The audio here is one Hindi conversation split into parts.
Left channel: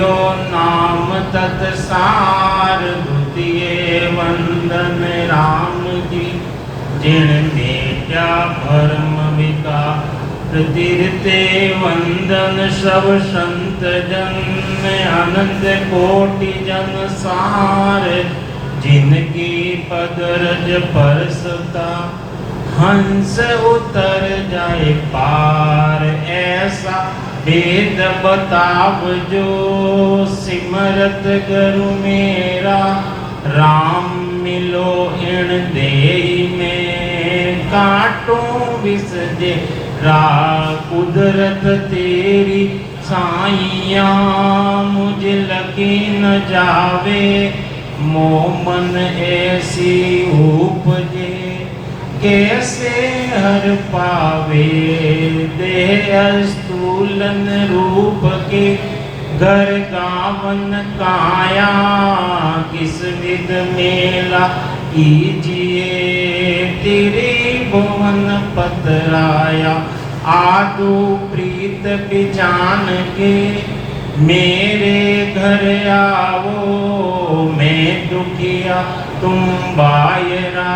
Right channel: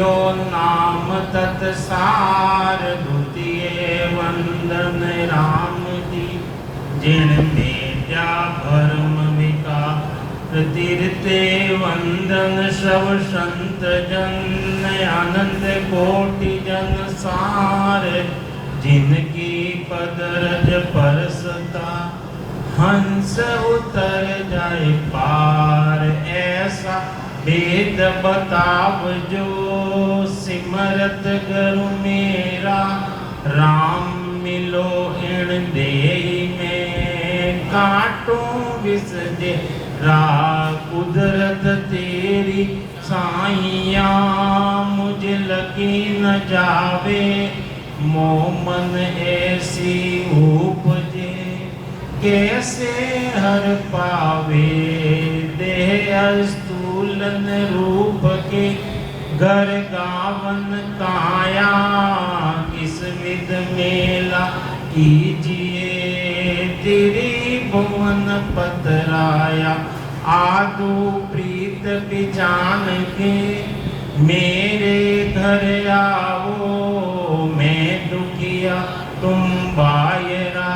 लियो नाम तत्सार द्वितीय वंदन राम जी जिन मेटा भरम विका तीर्थे वंदन सब संत जन अनंत कोटि जन सार जिनकी पदरज परसता हंस उतर जाए पार ऐसा वेद बताव जो सिमरत गुरु मेरा राम मिलो इन देई में काटो विस दे रा कुदरत तेरी साइया मुझे लगी न जावे मोमन ऐसी उपजे कैसे हर पावे देह स्थूलन रूप के घर गावन काया किस विध मेला कीजिए तेरे भुवन पतराया आदो प्रीत बिजान के मेरे घर आओ मैं दुखिया तुम बायरा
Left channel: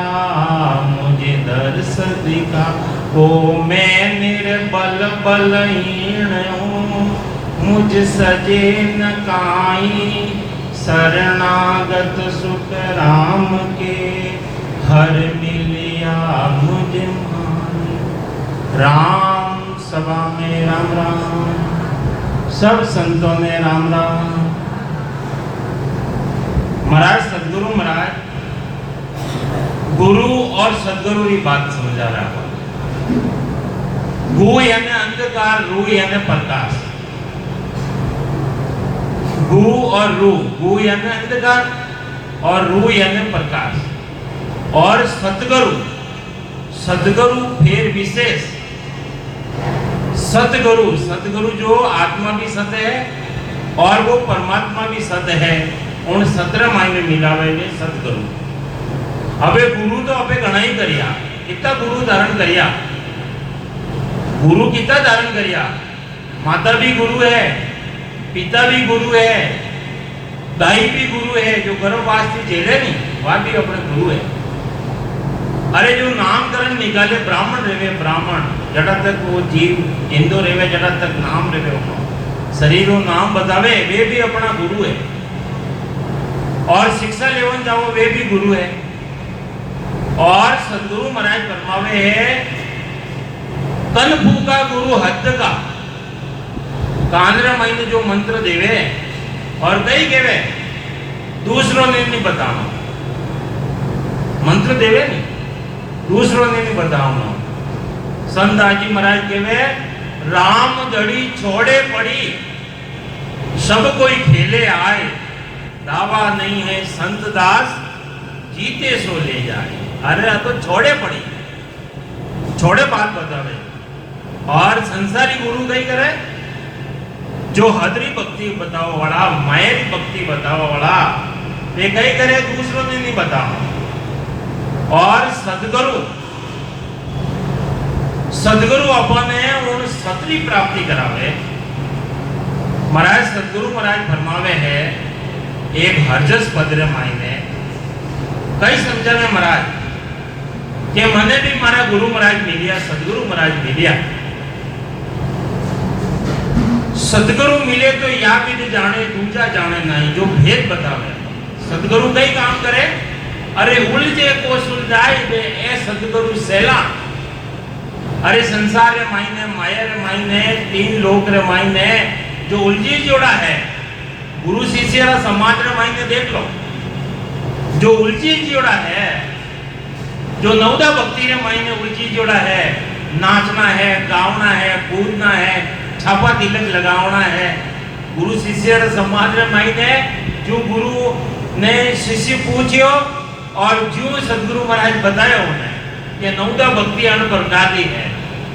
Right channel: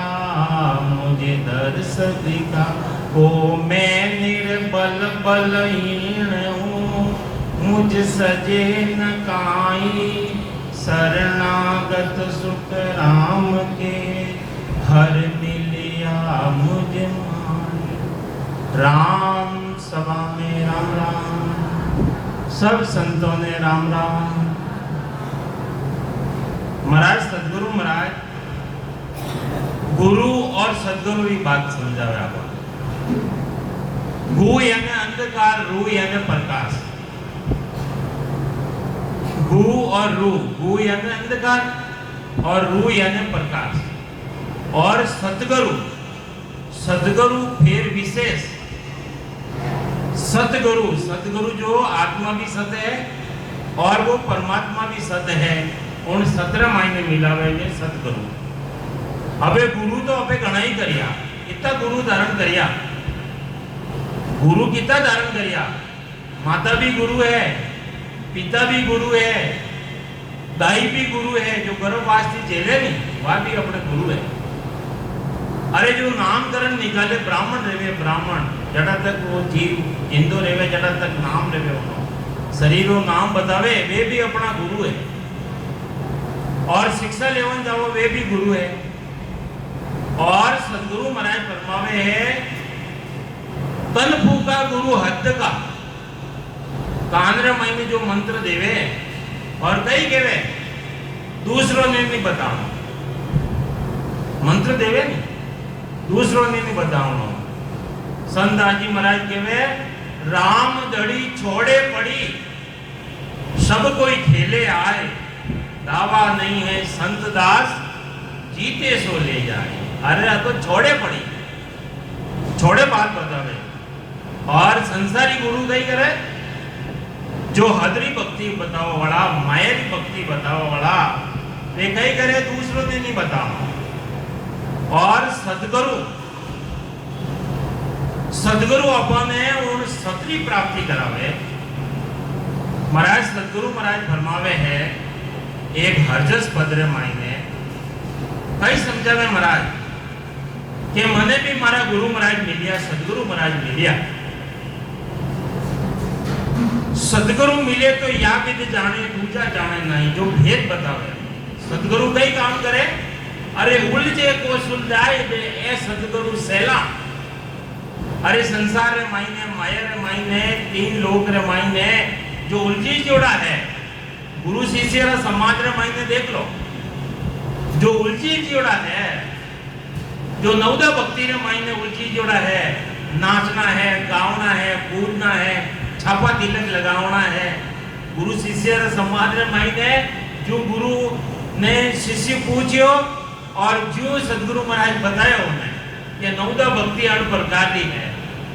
मुझे दर्श दिखा ओ मैं निर्बल बलहीन हूँ मुझ सजे न काई शरणागत सुख राम के हर मिलिया मुझे राम सभा में राम राम सब संतों ने राम राम। महाराज सदगुरु महाराज गुरु और सदगुरु की बात समझा रहा है। गु यानी अंधकार, रू यानी प्रकाश। गु और रू, गु यानी अंधकार और रू यानी प्रकाश। और सदगुरु, सदगुरु फिर विशेष सतगुरु, सतगुरु जो आत्मा भी सत है और वो परमात्मा भी सत है, उन 17 मायने मिलावे ने सतगुरु। अबे गुरु तो अबे घना ही करिया, कितना गुरु धारण करिया, गुरु कितना धारण करिया। माता भी गुरु है, पिता भी गुरु है, दाई भी गुरु है, जो गर्भवास थी झेले नहीं वह भी अपने गुरु है। अरे जो नामकरण निकाले ब्राह्मण रहे, ब्राह्मण जड़ा तक वो जीव हिंदू रहे, जड़ा तक नाम रहे, शरीर को नाम बतावे वे भी अपना गुरु है। और शिक्षा लेवन जाओ वे भी गुरु है। और सदगुरु महाराज फरमावे है तन फूका गुरु हद का कांद्र महीने जो मंत्र देवे और कई केवे दूसरों ने नहीं बताना, मंत्र देवे नहीं दूसरों ने नहीं बताना। संत दाजी महाराज केवे राम दड़ी छोड़े पड़ी सब कोई खेले आए, दावा नहीं है संत दास जीते सो ले जाए। अरे तो छोड़े पड़ी, छोड़े बात बतावे। और संसारी गुरु कई करे जो हदरी भक्ति बताओ वाला, मायरी भक्ति बताओ वाला, वे कई करे दूसरों ने नहीं बताओ। और सदगुरु, सदगुरु अपने उन सतरी प्राप्ति करावे। महाराज सदगुरु महाराज फरमावे है एक हरजस पदरे मायने कई समझावे महाराज कि मने भी मारा गुरु महाराज मिलिया, सदगुरु महाराज मिलिया। सदगुरु मिले तो या भी तो जाने दूजा जाने नहीं, जो भेद बतावे। सदगुरु कई काम करे, अरे उलझे को सुलझाए दे ए सदगुरु सेला। अरे संसार रे मायने, माया रे मायने, तीन लोक रे मायने जो उलझी जोड़ा है, गुरु शिष्य रा समाज रे मायने देख लो, जो उलझी जोड़ा है, जो नवदा भक्ति रे मायने उलझी जोड़ा है, नाचना है, गावना है, कूदना है, छापा तिलक लगावना है। गुरु शिष्य रे समाज रे मायने जो गुरु ने शिष्य पूछियो और जो सदगुरु महाराज बताया उन्हें कि नवदा भक्ति अन प्रकार की है।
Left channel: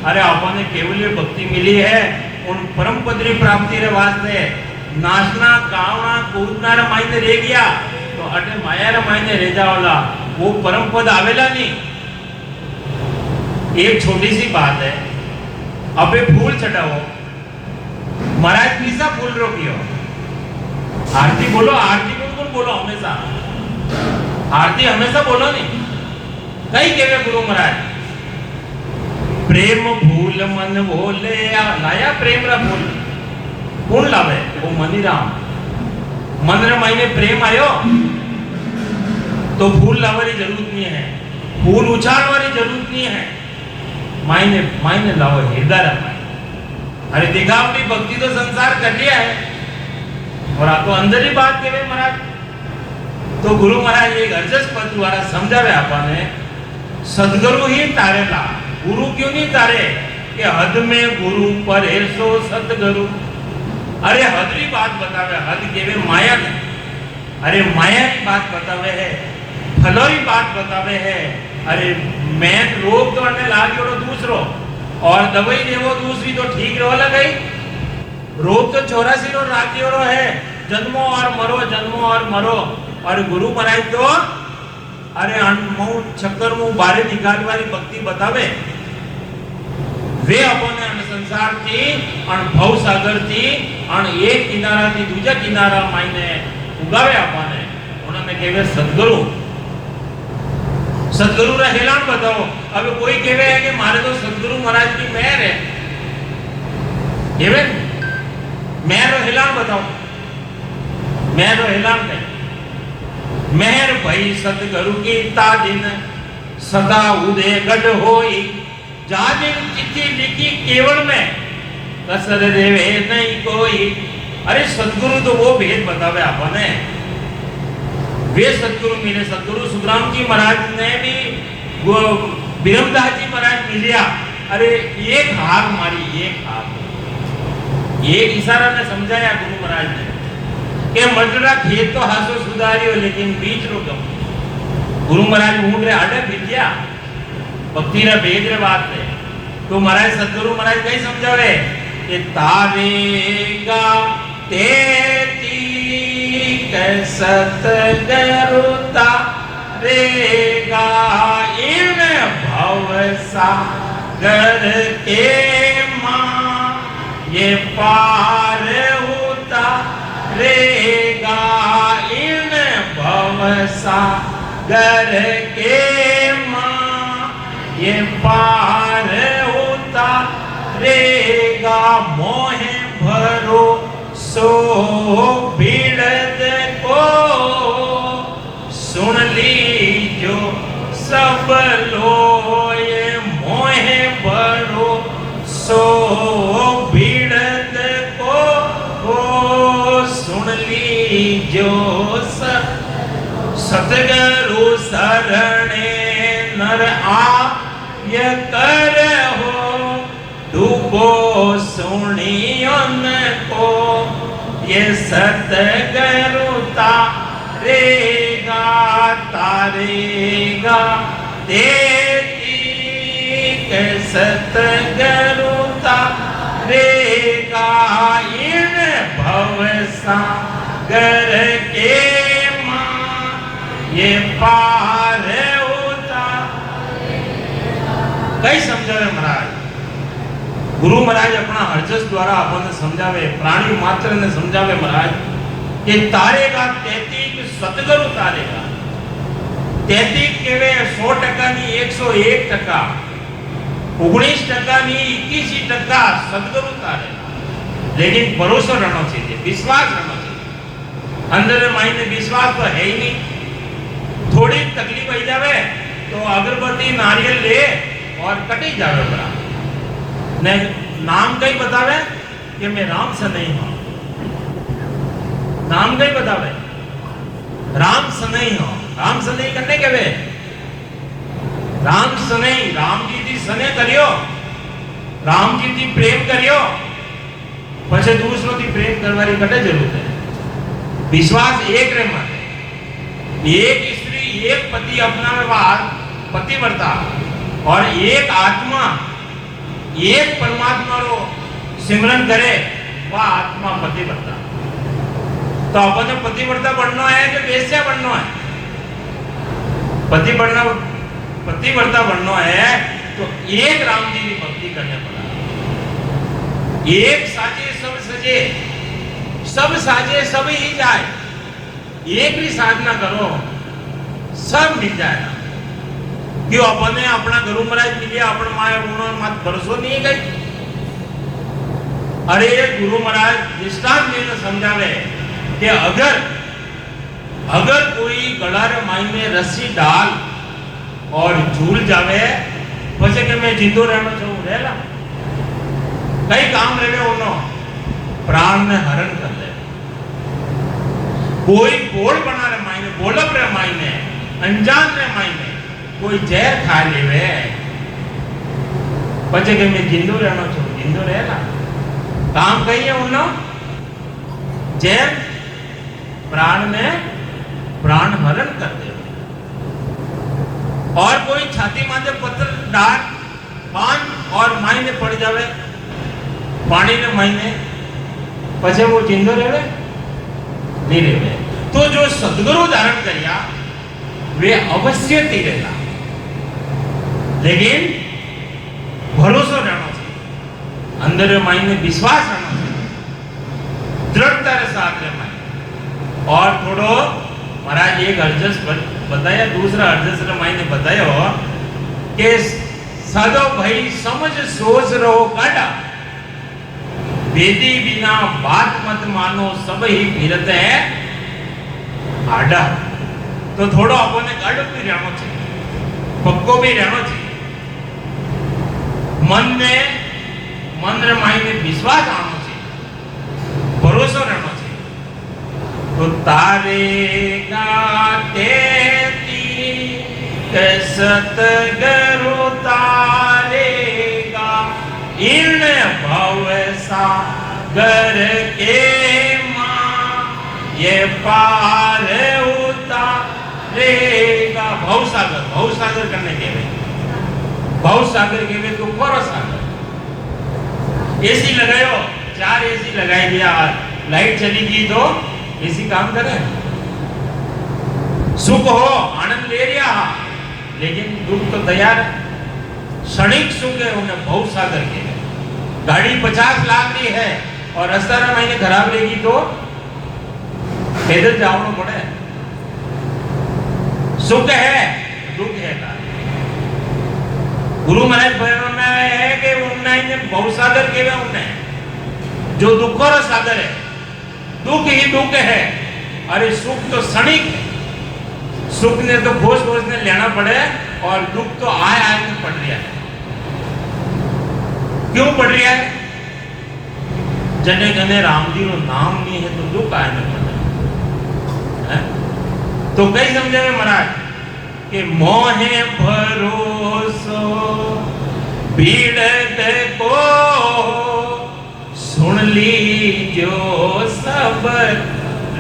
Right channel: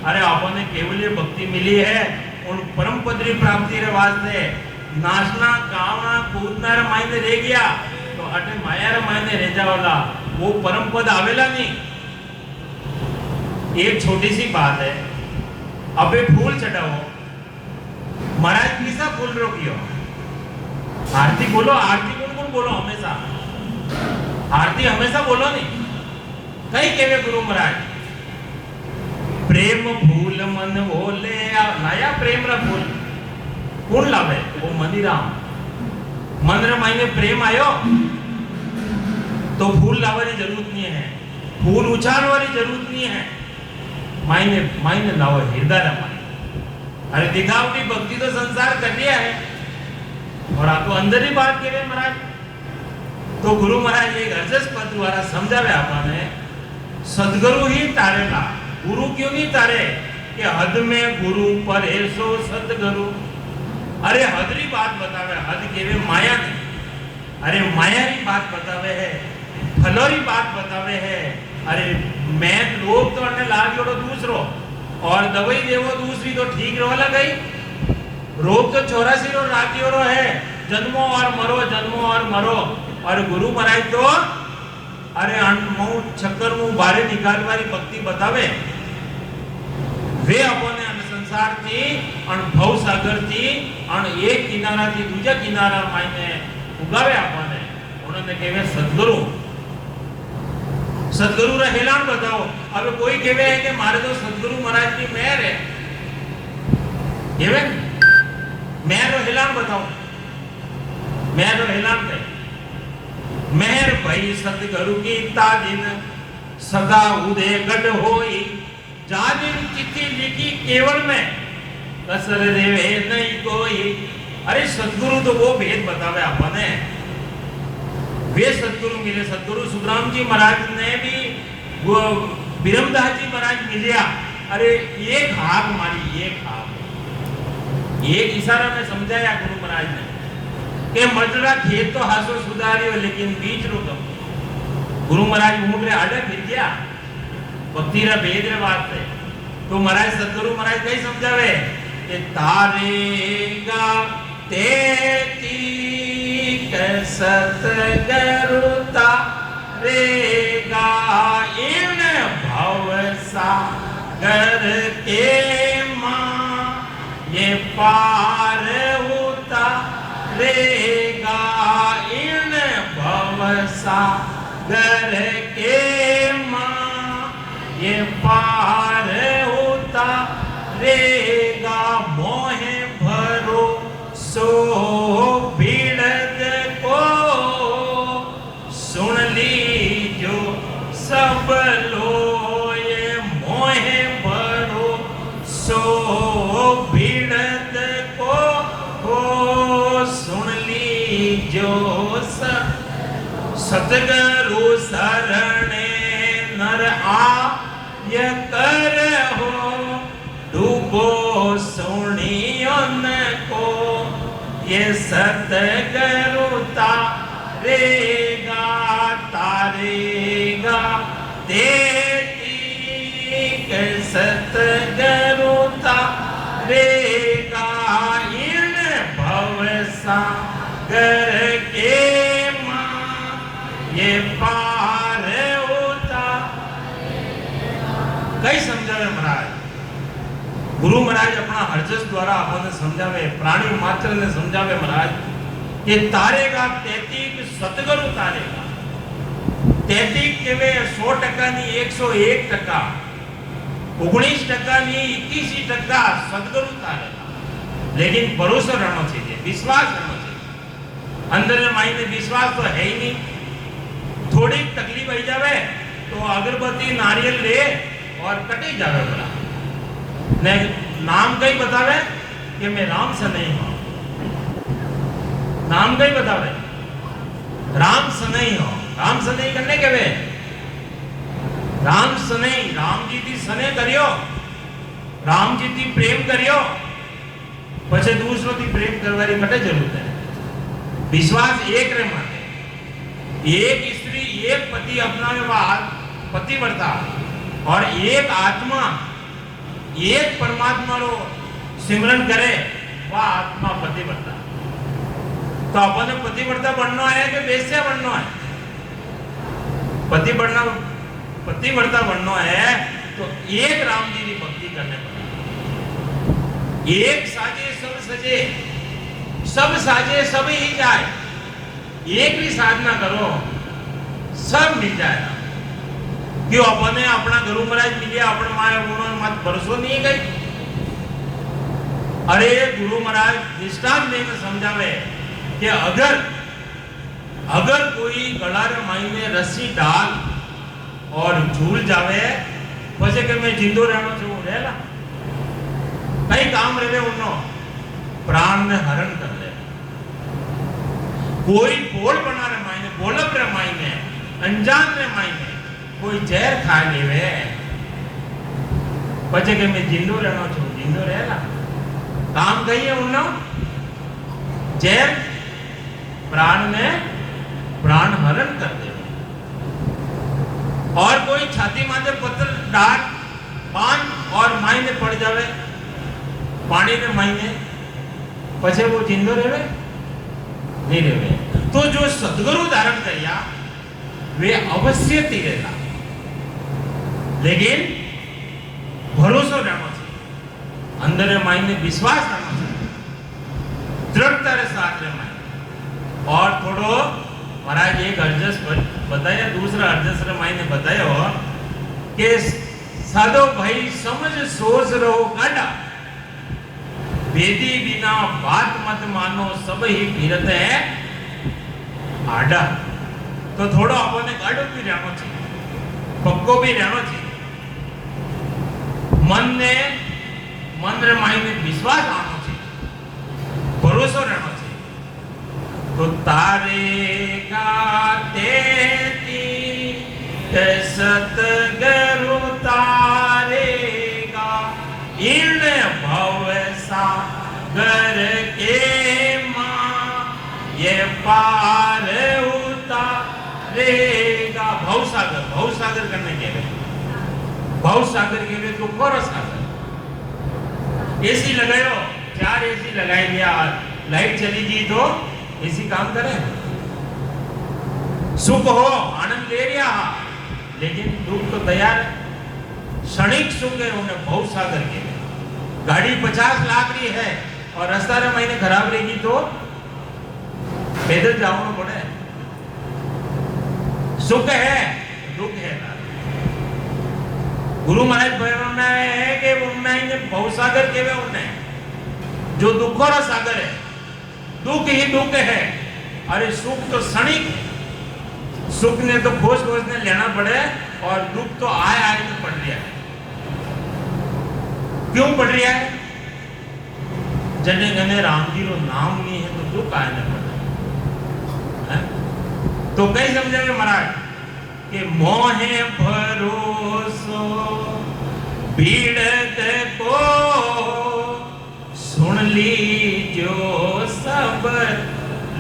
अरे आपने केवल भक्ति मिली है उन परम पदरी प्राप्ति रे वास्ते नाचना गावना कूदना रे मायने रह गया तो अटे माया रे मायने रह जावला, वो परम पद आवेला नहीं। एक छोटी सी बात है, अबे फूल चढ़ाओ महाराज किसा फूल रोकियो आरती बोलो, आरती गुण बोलो हमेशा, आरती हमेशा बोलो नहीं। कई केवे गुरु महाराज प्रेम फूल मन बोले लाया प्रेम रा फूल कौन लावे? वो मनीराम। मन रे मायने प्रेम आयो तो फूल लावारी जरूरत नहीं है, फूल उछालवारी जरूरत नहीं है, मायने मायने लाओ हृदय रा। अरे दिखावटी भक्ति तो संसार कर लिया है और आपको अंदर ही बात करे महाराज। तो गुरु महाराज एक अर्जस पद द्वारा समझावे आपने, सदगुरु ही तारेला, गुरु क्यों नहीं तारे? कि हद में गुरु पर ऐसो सदगुरु। अरे हदरी बात बतावे, हद केवे माया ने, अरे माया की बात बतावे है, फलोरी बात बतावे है। अरे मैं रोग तो अने लाग जोड़ो दूसरो और दवाई देवो दूसरी तो ठीक रहो लगे। रोग तो 84 रो रातियों रो है, जन्मो और मरो, जन्मो और मरो। और गुरु महाराज तो अरे अनमऊ चक्कर मुंह बारे निकाल वाली भक्ति बतावे। वे अपने अन संसार थी अन भव सागर थी अन एक किनारा थी दूजा किनारा मायने उगावे आपने। उन्होंने कहे सदगुरु, सदगुरु रा हेलान बताओ। अब कोई कहे है कि मारे तो सदगुरु महाराज की मेहर है, केवे मेहर रो हेलान बताओ, मेहर रो हेलान पे मेहर भई सदगुरु की तादिन सदा उदय गढ़ होई। जाबिन चिट्ठी लिखी केवल में कसर देवे नहीं कोई। अरे सदगुरु तो वो भेद बतावे आपने। वे सदगुरु मिले, सदगुरु सुखराम जी महाराज ने भी वो बिरमदास जी महाराज मिलिया। अरे एक हाथ मारी, एक हाथ, एक इशारा में समझाया गुरु महाराज ने के मटड़ा खेत तो हासो सुधारियो लेकिन बीच रो कम। गुरु महाराज ऊँट रे आड़े विद्या भक्ति रा भेद रे बात है। तो महाराज सदगुरु महाराज कई समझावे कि तारेगा तेती सतगुरु तारेगा इन भव सागर के मां ये पार उतारेगा इन भव सागर के मां ये पार उतारेगा। मोहे भरो सो भीड़द को सुन लीजो सब लोए। मोहे भरो सो भीड़द को सुन लीजो सब। सतगुरु शरणे नर आय कर हो डूबो सुनियोन को ये सतगुरु तारेगा तारेगा तेरी के सतगुरु तारेगा इन भव सागर के मां ये पार कई समझावे महाराज। गुरु महाराज अपना हरजस द्वारा आपने समझावे, प्राणी मात्र ने समझावे महाराज ये तारेगा 33 सतगुरु तारेगा। 33 केवे 100% नी 101%, 19% नी 21% सतगुरु तारेगा। लेकिन भरोसा रहना चाहिए, विश्वास रहना चाहिए। अंदर मायने विश्वास तो है ही नहीं। थोड़ी तकलीफ आई जावे तो अगरबत्ती नारियल ले और कटी जावे बड़ा ने नाम कई बतावे कि मैं राम से नहीं हूं। नाम कई बतावे राम से नहीं हूं। राम से नहीं करने के वे राम से नहीं, राम जी थी सने करियो, राम जी थी प्रेम करियो, पछे दूसरों थी प्रेम करवारी कटे जरूरत है। विश्वास एक रे मन, एक स्त्री एक पति अपना में बात पतिव्रता और एक आत्मा एक परमात्मा रो सिमरन करे वह आत्मा पतिव्रता। तो अपने पतिव्रता बनना है कि वेश्या बनना है? पतिव्रता बनना है तो एक राम जी की भक्ति करने पड़ेगा। एक साजे सब सजे, सब साजे सब ही जाए, एक भी साधना करो सब मिल जाएगा। क्यों अपने अपना गुरु महाराज मिले अपने माया उन्होंने मत भरोसो नहीं गई। अरे गुरु महाराज दृष्टांत देकर समझावे कि अगर कोई गड़ारे मायने रस्सी डाल और झूल जावे પછી કે મેં જીંદો રહેવાનો છું રહેલા કઈ કામ રેવે ઓનો प्राण ने हरण कर ले। कोई बोल बना रे मायने बोलब रे मायने अनजान रे मायने कोई जहर खा लेवे પછી કે મેં જીંદો રહેવાનો છું જીંदो રહેલા काम कही है उन्नो जहर प्राण ने प्राण हरण कर दे। और कोई छाती माथे पत्थर डाल बांध और मायने पड़ जावे पानी ने मायने पछे वो जिंदो रहेवे नहीं रहेवे। तो जो सद्गुरु धारण करिया वे अवश्य तीरेगा, लेकिन भरोसा रहना चाहिए, अंदर मायने विश्वास रहना चाहिए, दृढ़ता के साथ रहना। और थोड़ो महाराज एक अर्जस बताया, दूसरा अर्जस मायने बताया कि सदो भाई समझ सोच रहो काटा वेदी बिना बात मत मानो सब ही फिरत है आडा। तो थोड़ो अपने गाढ़ो भी रहना चाहिए, पक्को भी रहना चाहिए, मन रे मायने विश्वास आना चाहिए, भरोसा रहना चाहिए। तो तारे गाते सतगुरु तारेगा इन भव सागर के मां ये पार उतारेगा। भवसागर करने के भवसागर के में तो कौन सागर। एसी लगायो 4 एसी लगाई दिया, लाइट चली गई तो एसी काम करे, सुख हो आनंद ले लिया, लेकिन दुख तो तैयार। क्षणिक सुख है उन्हें भवसागर के। गाड़ी 50 लाख की है और रास्ता ना महीने खराब लेगी तो पैदल जाना पड़े। सुख है दुख है। गुरु महाराज में है कि उन्हें भवसागर के उन्हें जो दुखों का सागर है, दुख ही दुख है। अरे सुख तो क्षणिक, सुख ने तो खोज ने लेना पड़े और दुख तो आए में पड़ रहा है। क्यों पड़ रहा है? जने जने राम जी नो नाम नहीं है तो दुख आए में पड़ रहा है। तो कई समझे महाराज कि मोहे भरोसो भीड़ को सुन लीजो सब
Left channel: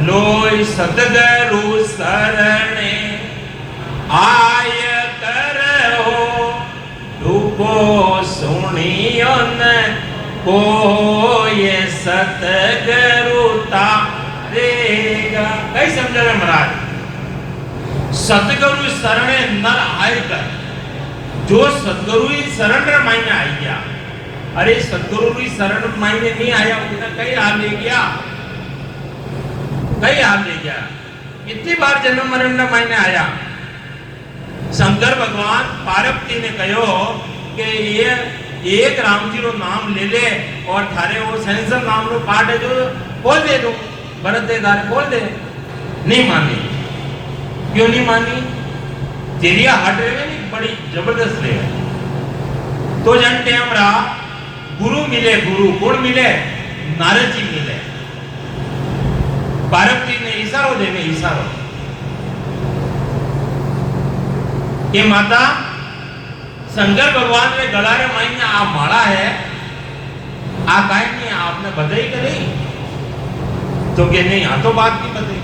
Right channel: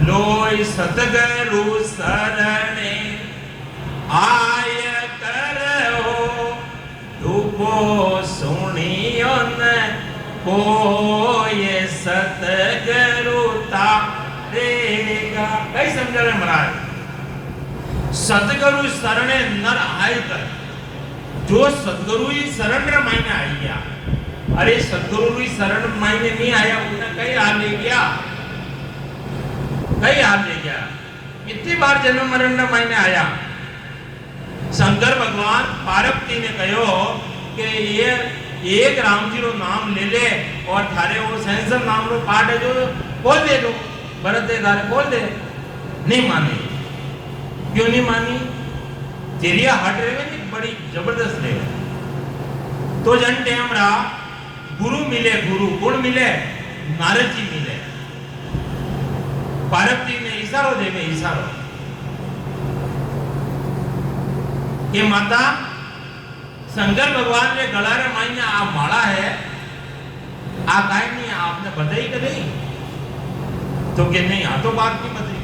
लोय सतगुरु शरणे आय करो डूबो सुनियो न कोय सतगुरु तारेगा। कई समझ रहे महाराज? सतगुरु शरणे नर आय कर, जो सतगुरु ही शरण मायने आई गया। अरे सतगुरु ही शरण मायने नहीं आया उसने कई लाभ ले गया, कई हाल ले गया। कितनी बार जन्म मरण का मायने आया। शंकर भगवान पार्वती ने कहो कि ये एक राम जी रो नाम ले ले और थारे वो सैंसम नाम रो पाठ है जो बोल दे दो, भरत दे दारे बोल दे। नहीं मानी। क्यों नहीं मानी? तेरिया हट रहे नहीं, बड़ी जबरदस्त रहे। तो जन टाइम रहा गुरु मिले, गुरु गुण मिले, नारद जी मिले। पार्वती ने इशारो दे में इशारो कि माता शंकर भगवान ने गला रे मायने आ माला है, आ काहे नहीं आपने बताई कि नहीं? तो के नहीं, आ तो बात नहीं बताई।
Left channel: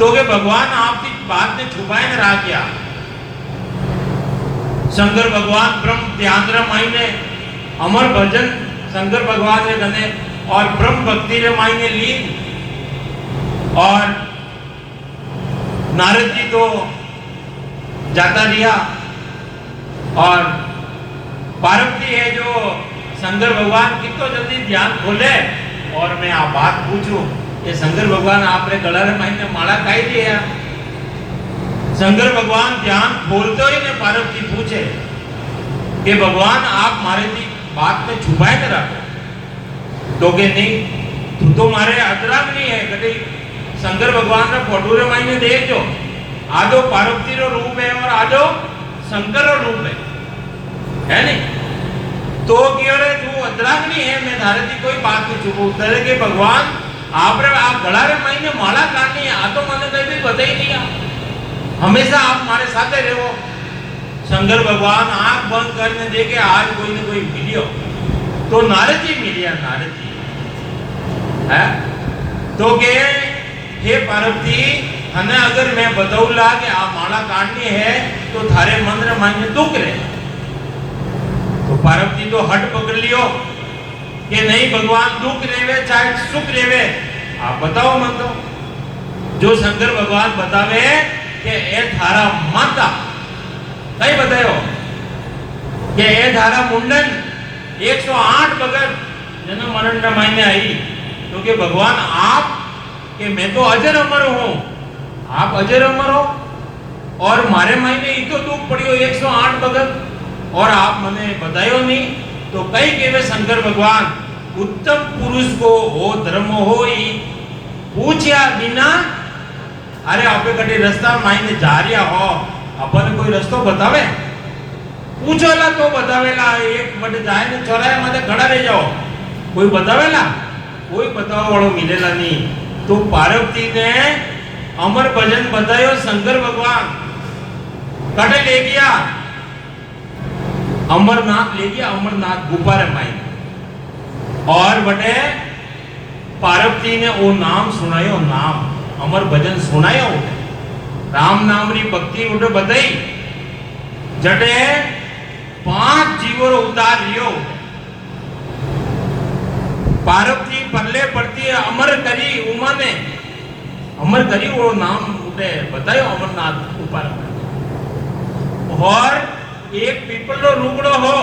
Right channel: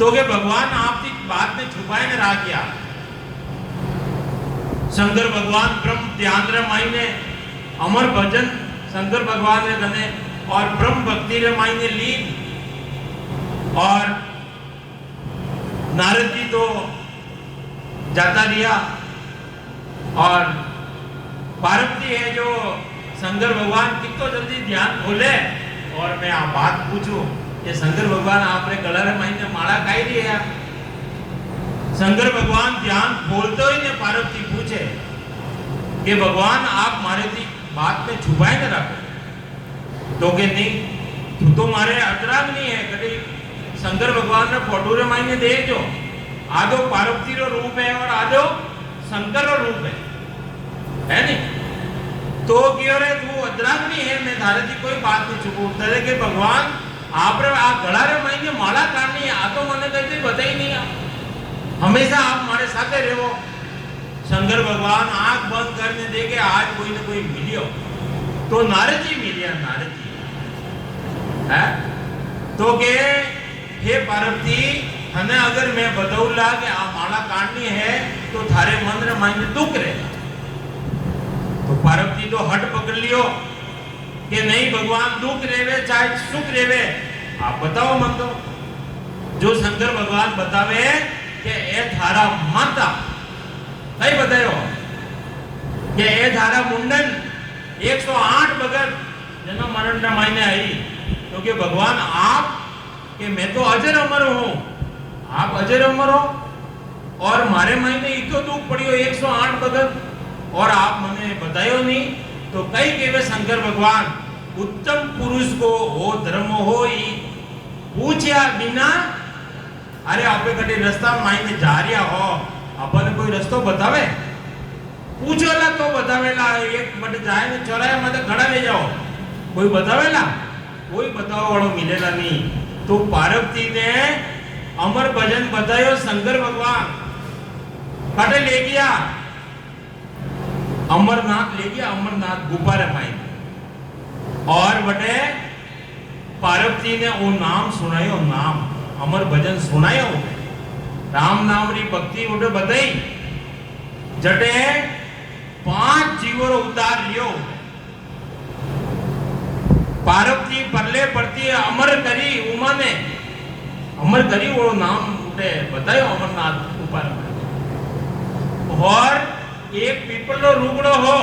तो के भगवान आपकी बात ने छुपाए न रहा क्या? शंकर भगवान ब्रह्म ध्यान रे मायने अमर भजन शंकर भगवान ने गने और ब्रह्म भक्ति रे मायने ली। और नारद जी तो जाता लिया और पार्वती है जो शंकर भगवान कितना जल्दी ध्यान खोले और मैं आ बात पूछूं कि शंकर भगवान आपने गला रे मायने माला काई दिया। शंकर भगवान ध्यान खोलते ही ने पार्वती पूछे कि भगवान आप मारे दी बात में छुपाए न रखो तो के नहीं तू तो मारे अतराग नहीं है कभी शंकर भगवान ने फोटो रे मायने देखो आधो पार्वती रो रूप है और आधो शंकर रो रूप है नहीं तो क्यों रे तू अतराग नहीं है मैं धारे दी कोई बात नहीं छुपू तेरे के भगवान आप रे आप गला रे मायने माला काटनी है आ तो मैंने कहीं भी पता ही नहीं है हमेशा आप हमारे साथ रहो। शंकर भगवान आंख बंद करने देखे आज कोई न कोई मिलियो तो नारद जी मिलिया नारद जी है तो के हे पार्वती हमें अगर मैं बताऊला कि आप माला काटनी है तो थारे मन रे मायने दुख रहे तो पार्वती तो हट पकड़ लियो कि नहीं भगवान दुख रेवे चाहे सुख रेवे आप बताओ मन तो जो शंकर भगवान बतावे कि ए थारा माता कई बतायो कि ए थारा मुंडन 108 बगर जन्म मरण रे मायने आई क्योंकि भगवान आप कि मैं तो अजर अमर हूं आप अजर अमर हो और मारे मायने इतो दुख पड़ियो 108 बगर और आप मने बतायो नहीं तो कई केवे शंकर भगवान उत्तम पुरुष को हो धर्म हो ही पूछया बिना अरे आपे कटे रास्ता मायने जा रिया हो अपन कोई रास्तो बतावे पूछोला तो बतावेला एक बड़े जाए ने चौराहे में खड़ा रह जाओ कोई बतावेला कोई बताओ वालों मिलेला नहीं तो पार्वती ने अमर भजन बतायो शंकर भगवान कटे ले गया अमरनाथ ले गया अमरनाथ गुफा रे माई और बटे पार्वती ने वो नाम सुनायो नाम अमर भजन सुनायो राम नाम री भक्ति उठे बताई जटे 5 जीवो उतार लियो पार्वती परले पड़ती अमर करी उमा ने अमर करी वो नाम उठे बतायो अमरनाथ ऊपर और एक पीपल रो रुगड़ो हो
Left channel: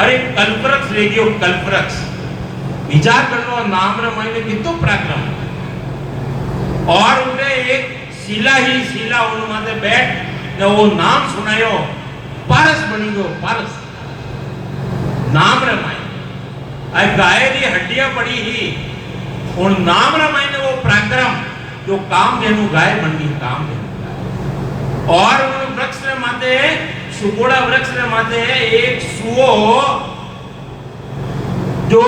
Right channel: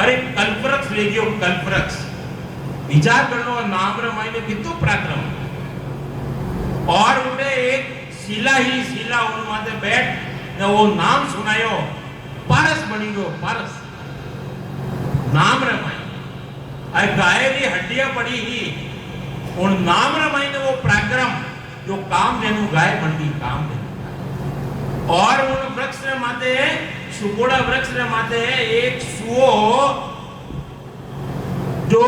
अरे कल्पवृक्ष ले गयो कल्पवृक्ष विचार करनो नाम रे मायने कितो पराक्रम और उठे एक शिला ही शिला उन माथे बैठ ने वो नाम सुनायो पारस बनी गयो पारस नाम रे मायने आ गाय री हड्डियां पड़ी ही उन नाम रे मायने वो पराक्रम जो काम देनु गाय बन गई काम दे और वृक्ष रे माथे सुगोड़ा वृक्ष रे माथे एक सुओ जो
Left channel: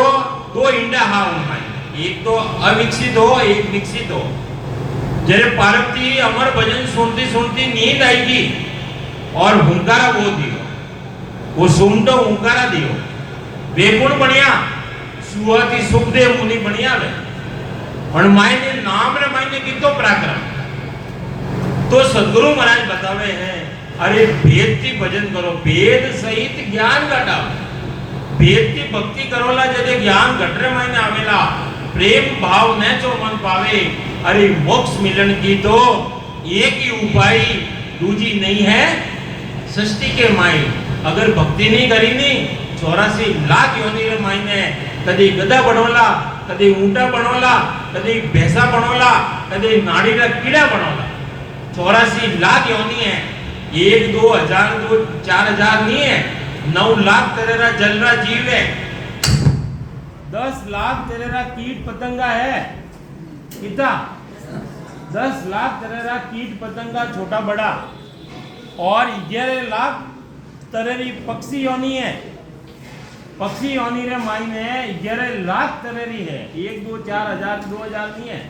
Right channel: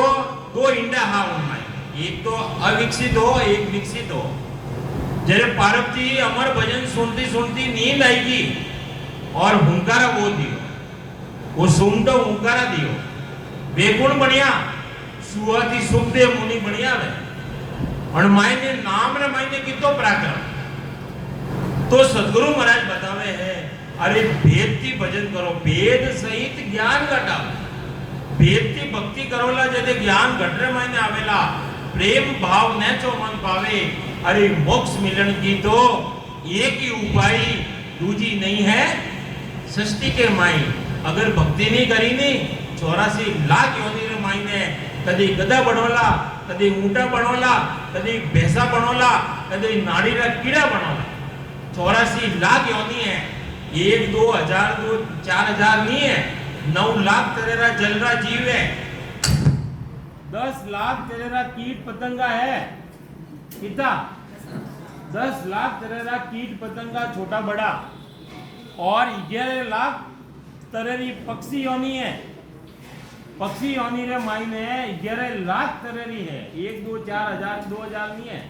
2 इंडा हा उनमें एक तो अविकसित हो एक विकसित हो जरे पार्वती अमर भजन सुनती सुनती नींद आएगी और हुंकारा वो दियो वो सुनतो हुंकारा दियो बेगुण बढ़िया सुआती सुखदेव मुनि बढ़िया वे और मायने नाम रे मायने कितो पराक्रम तो सद्गुरु महाराज बतावे हैं अरे भेद की भजन करो भेद सहित ज्ञान घटाओ भेद की भक्ति करोला जदे ज्ञान घटरे मायने आवेला प्रेम भाव न जो मन पावे अरे मोक्ष मिलन की तो एक ही उपाय दूजी नहीं है सृष्टि के माई अगर भक्ति नहीं करी नी 84 लाख योनि रे मायने कदी गधा बनोला कदी ऊंटा बनोला कदी भैंसा बनोला कदी नाड़ी रा कीड़ा बनोला 84 लाख योनि है 1 2 हजार 2 4 हजार नहीं है 9 लाख तेरेरा जलरा जीव है 10 लाख तेरेरा कीट पतंगा है कितना 10 लाख तेरेरा कीट पतंगा छोटा बड़ा और 11 लाख तरेरी पक्षी योनि है पक्षी योनि रे मायने 11 लाख तरेरी है 1 2 4 हजार 2 हजार नहीं है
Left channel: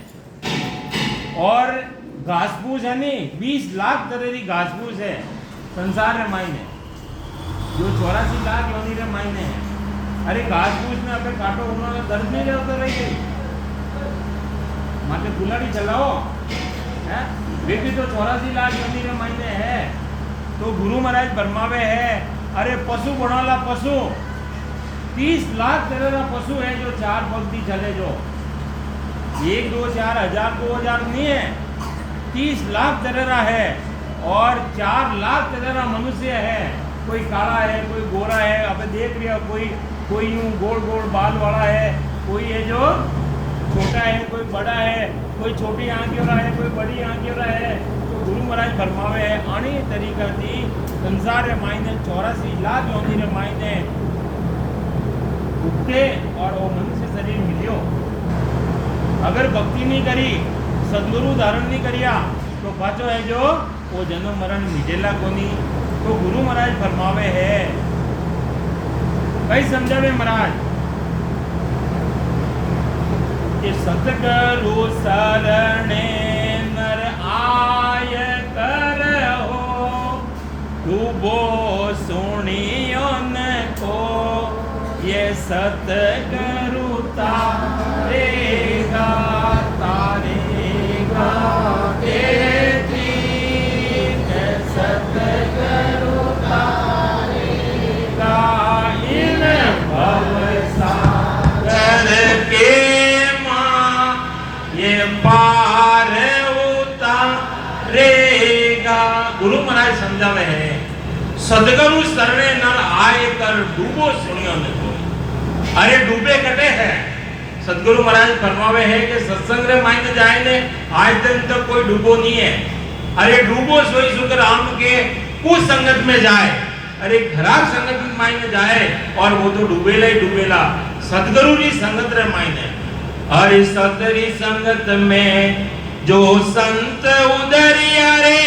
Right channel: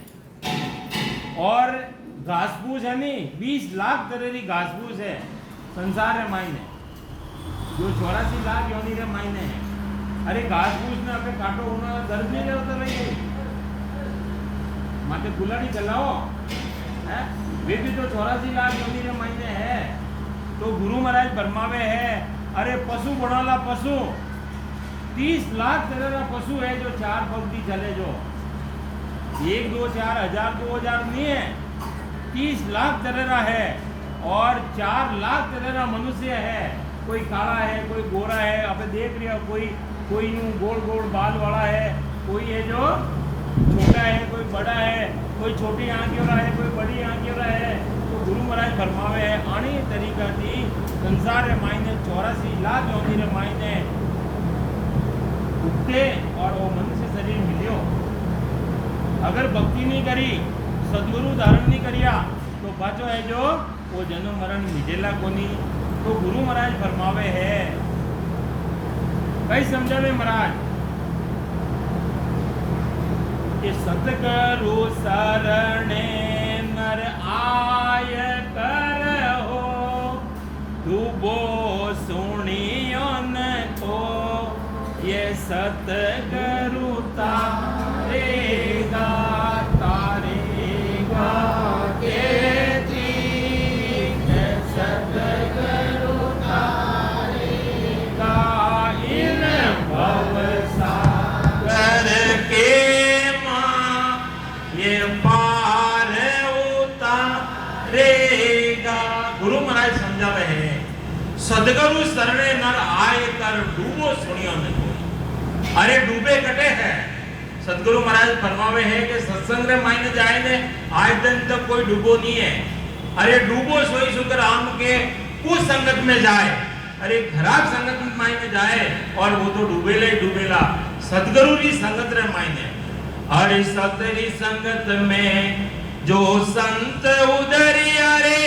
और घास फूस है नहीं 20 लाख तरेरी घास फूस है संसार रे मायने जो 84 लाख योनि रे मायने है अरे घास फूस ने अपने काटो उन्होंने दर्द नहीं रहता रही गई माते गुलाड़ी चलाओ है वे भी तो 84 लाख योनि रे मायने है तो गुरु महाराज बरमावे है अरे पशु बनाला पशु 30 लाख तरेरा पशु है जो 4 पग भी चले जो 1 2 4 हजार 2 हजार नहीं है 30 लाख तरेरा है और 4 लाख तरेरा मनुष्य है कोई काला है कोई गोरा है अब देख रहे हो कोई यूं गोल गोल बाल वाला है कोई है जो छोटा है, कोई बड़ा है, कोई छोटी आंखें हो रहा है, कोई बड़ी आंखें हो रहा है। तो गुरु महाराज फरमावे है आनी तरीका थी संसार रे मायने 84 लाख योनि रे मायने उठे और वो मनुष्य शरीर मिलियो। अगर भक्ति नहीं करी, सदगुरु धारण नहीं करिया तो पाचो है जो वो जन्म मरण मिजेला कोनी। तो गुरु महाराज फरमावे है कई समझावे महाराज कि सतगुरु शरणे नर आय कर हो, डूबो सुनियो न को ये सतगुरु तारेगा तारेगा सतगुरु तारेगा इन भव सागर के मां ये पार उतारेगा। गुरु महाराज समझावे है सदगुरु शरणे नर आए कर डूबो सुनियो न को। अरे डूबे कटे है। सदगुरु महाराज फरमावे है कि सत्संग रे मायने जाए ने आज दिन तक कोई डूबो नहीं है। अरे डूबो सोई सुकर आम के कुछ संगत में जाए, अरे खराब संगत में मायने जाए और वो तो डूबेला ही डूबेला। सदगुरु री संगत रे मायने अरे सतरी संगत में जो संत उदरिया रे